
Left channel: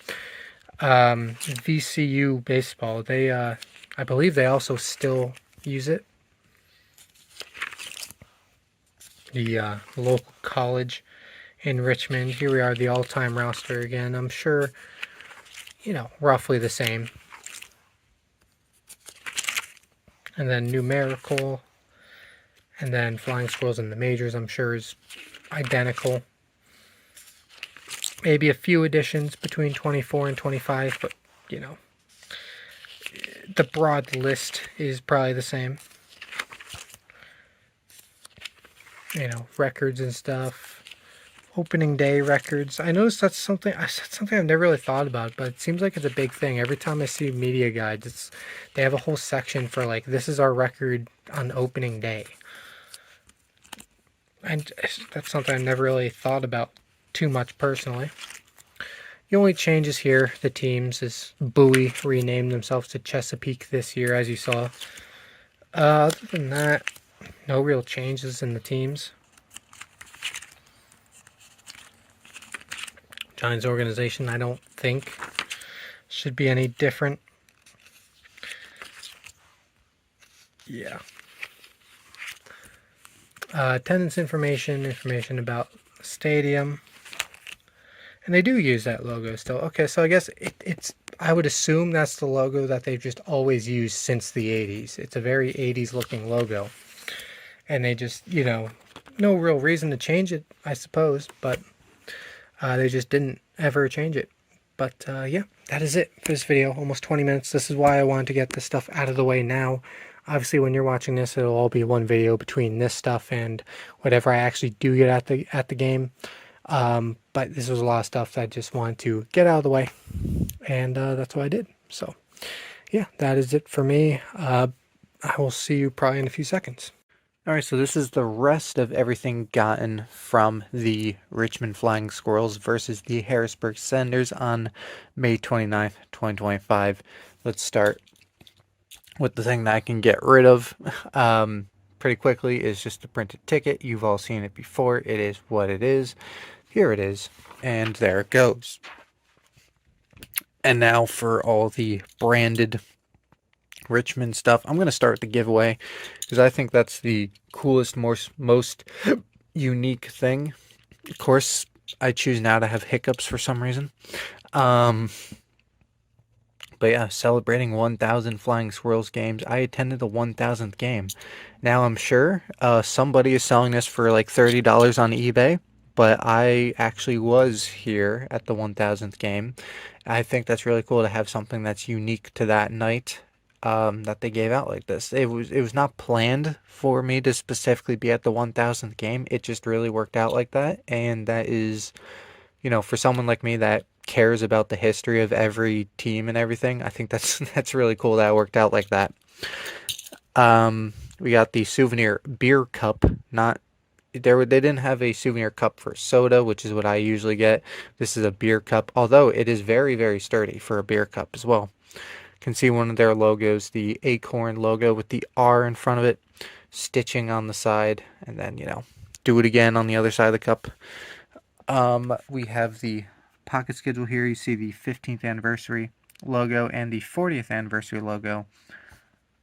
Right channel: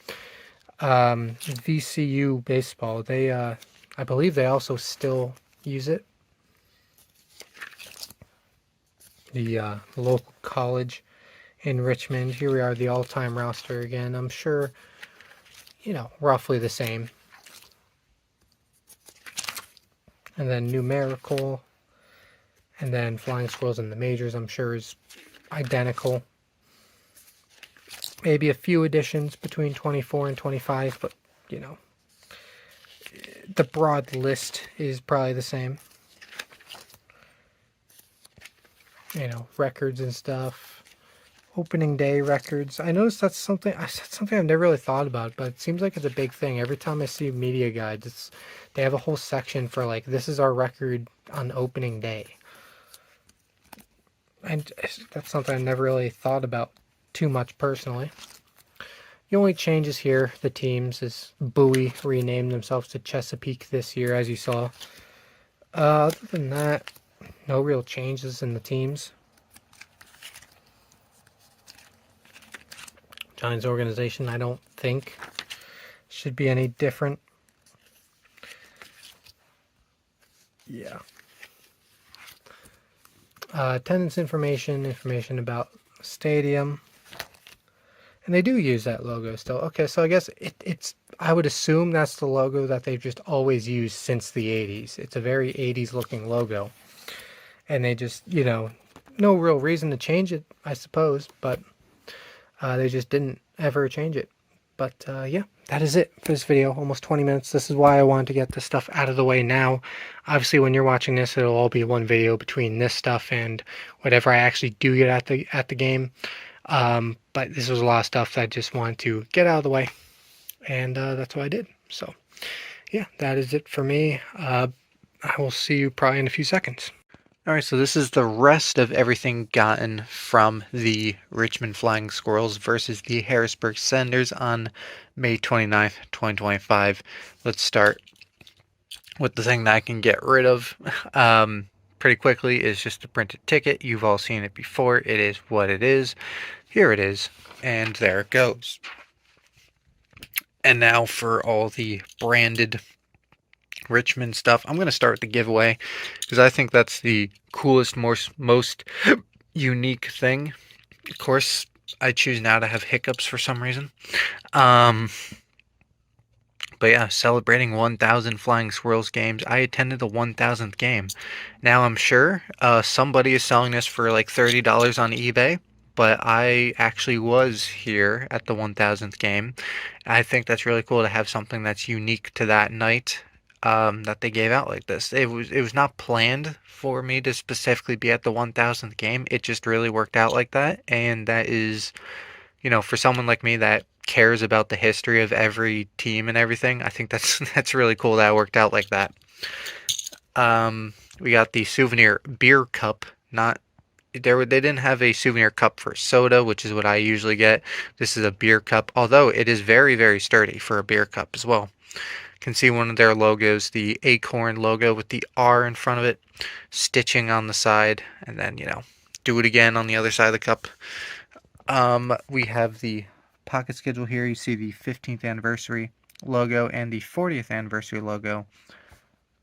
VCU baseball, they, I believe they also still use it. The local college in Richmond. Here we are, the all-time roster again. I'm sure, you know, roughly the same. And then numerical. And then Flying Squirrels in the majors, I'm sure, is identical. Maybe a few additions between 24 and 25, but, you know, the broad list is probably the same. You know, records and stuff. Opening day records. I noticed that's something I've never really thought about, but it seems like it's a big thing. Every time I see media guides, they have a whole section for like, this is our record on opening day. And that's something I've never really thought about too much personally. The only changes here, the teams, is Bowie renamed themselves to Chesapeake this year, as you saw. Other than that, no real changes in the teams. Giants organization, I don't think should be any different. Yeah. Attendance information about stadium. And they do use that logo still. Okay, so I guess it's, I would assume that's the logo that they've just always used since the 80s. It's a very 80s looking logo. And they just, you know, no real reason to change it, I suppose, but they just didn't ever change it. But yeah, that is it for this video. Almost 20 minutes. This is why I wanted to get this stuff out of the way now. Obviously, when you're watching this, it'll all be one video between this stuff and whatever I actually do get at the game. But this was a lot of stuff that I just wanted to get out of the way, and that's what I did. So yeah, that is it for me. I will see you probably in a few seconds. Alright, so this is the rest of everything gotten from the Richmond Flying Squirrels versus the Harrisburg Senders on May 29th, 2025. Let's start with the thing that I can get rid of pretty quickly. Is just a printed ticket. You've all seen it before. It is what it is. Here it is, and there it goes. And now for all the branded Richmond stuff. I'm going to start with the giveaway because I think that's the coolest, most unique thing. Of course, I choose now to have hiccups for some reason. But yeah, celebrating 1,000 Flying Squirrels games. I attended the 1,000th game. Now I'm sure somebody is selling this for like $30 on eBay, but I actually was here at the 1,000th game. I think that's really cool to have something that's unique to that night. That they gave out like this. It was not planned for me to specifically be at the 1,000th game. It just really worked out like that, and that is, you know, for someone like me that cares about the history of every team and everything, I think that's really cool that it worked out like that. We got the souvenir beer cup. They didn't have a souvenir cup for soda, which is what I usually get. This is a beer cup, although it is very, very sturdy for a beer cup as well. can see one of their logos, the acorn logo with the R in front of it, stitching on the side, and then, do it again on the other side of the cup. We have the pocket schedule here. You see the 15th anniversary logo and the 40th anniversary logo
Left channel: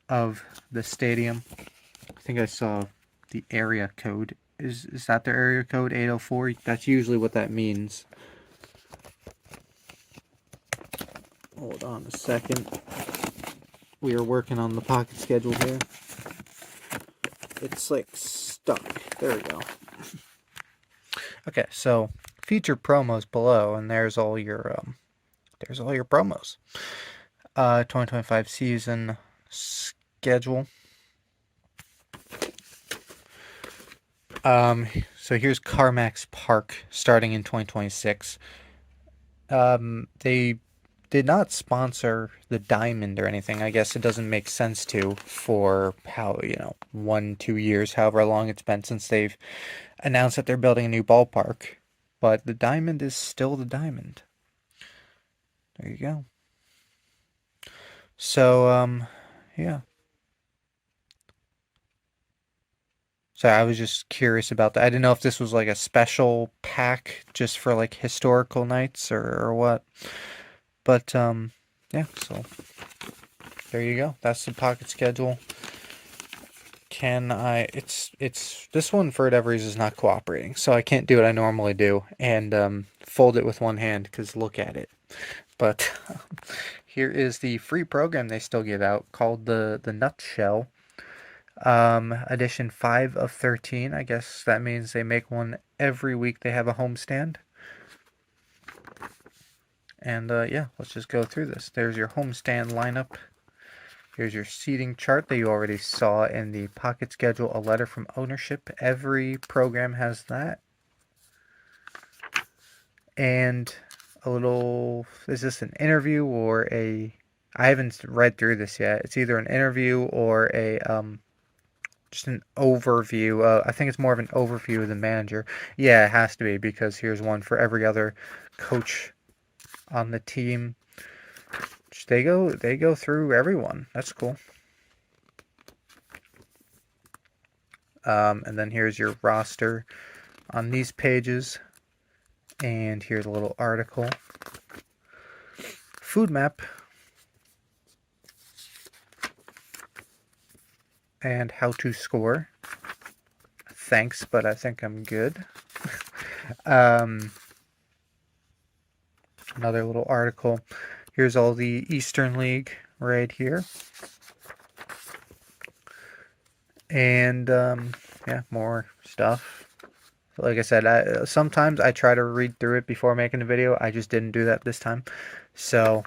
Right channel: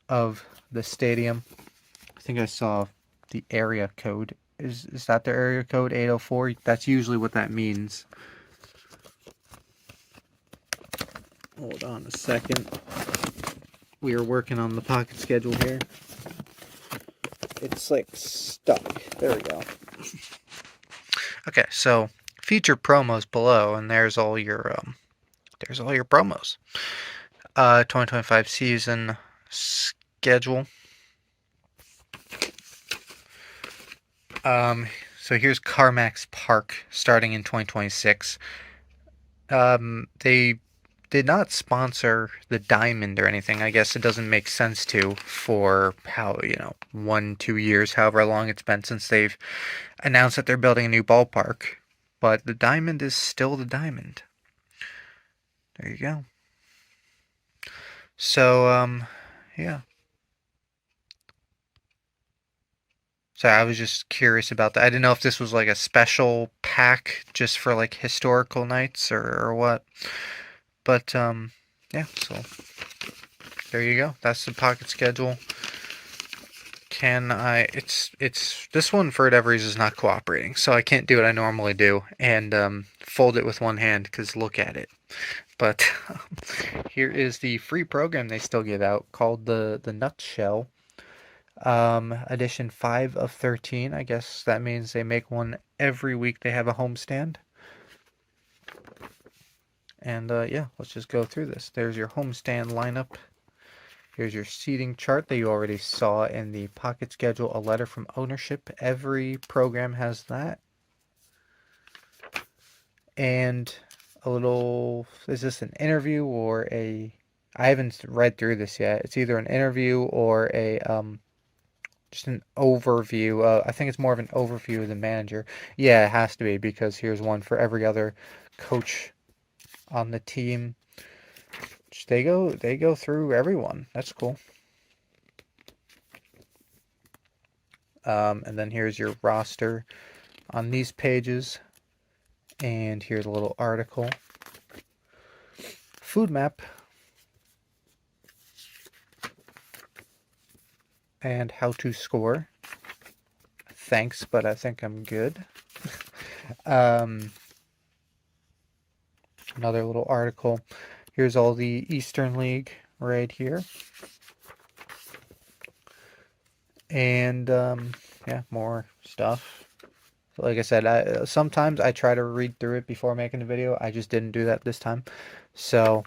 of the stadium. I think I saw the area code. Is that their area code, 804? That's usually what that means. Hold on a second. We are working on the pocket schedule here. It's like stuck. There we go. Okay, so featured promos below, and there's all your promos. 2025 season schedule. So here's CarMax Park starting in 2026. They did not sponsor the Diamond or anything. I guess it doesn't make sense to for how, 1-2 years, however long it's been since they've announced that they're building a new ballpark. But the Diamond is still the Diamond. There you go. So, yeah. So I was just curious about that. I didn't know if this was like a special pack just for like historical nights or what. But yeah, so there you go. That's the pocket schedule. It's this one for whatever reason is not cooperating, so I can't do what I normally do and fold it with one hand because look at it. But here is the free program they still give out called the Nutshell. Edition 5 of 13. I guess that means they make one every week they have a homestand. And yeah, let's just go through this. There's your homestand lineup. Here's your seating chart that you already saw in the pocket schedule, a letter from ownership. Every program has that. And a little, is this an interview or I haven't read through this yet. It's either an interview or just an overview. I think it's more of an overview of the manager. Yeah, it has to be because here's one for every other coach on the team. They go through everyone. That's cool. And then here's your roster on these pages. And here's a little article. Food map. And how to score. Thanks, but I think I'm good. Another little article. Here's all the Eastern League right here. And yeah, more stuff. Like I said, sometimes I try to read through it before making a video. I just didn't do that this time. So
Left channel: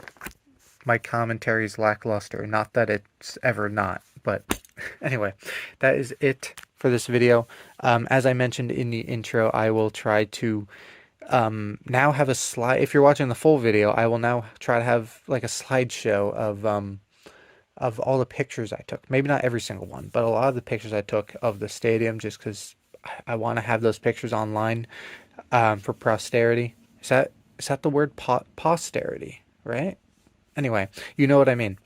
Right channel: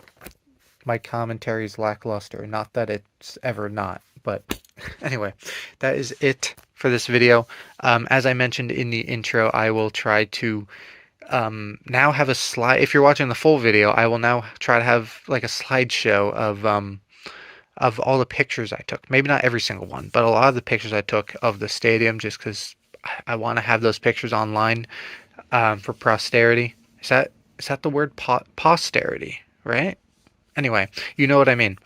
my commentary is lackluster. Not that it's ever not, but anyway, that is it for this video. As I mentioned in the intro, I will try to now have a slide. If you're watching the full video, I will now try to have like a slideshow of all the pictures I took. Maybe not every single one, but a lot of the pictures I took of the stadium, just because I want to have those pictures online for posterity. Is that the word posterity, right? Anyway, you know what I mean.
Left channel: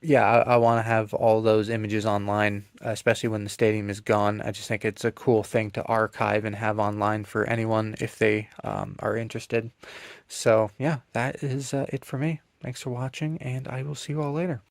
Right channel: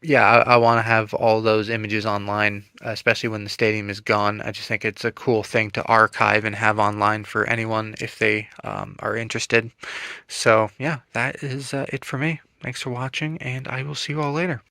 Yeah, I want to have all those images online, especially when the stadium is gone. I just think it's a cool thing to archive and have online for anyone if they are interested. So yeah, that is it for me. Thanks for watching, and I will see you all later.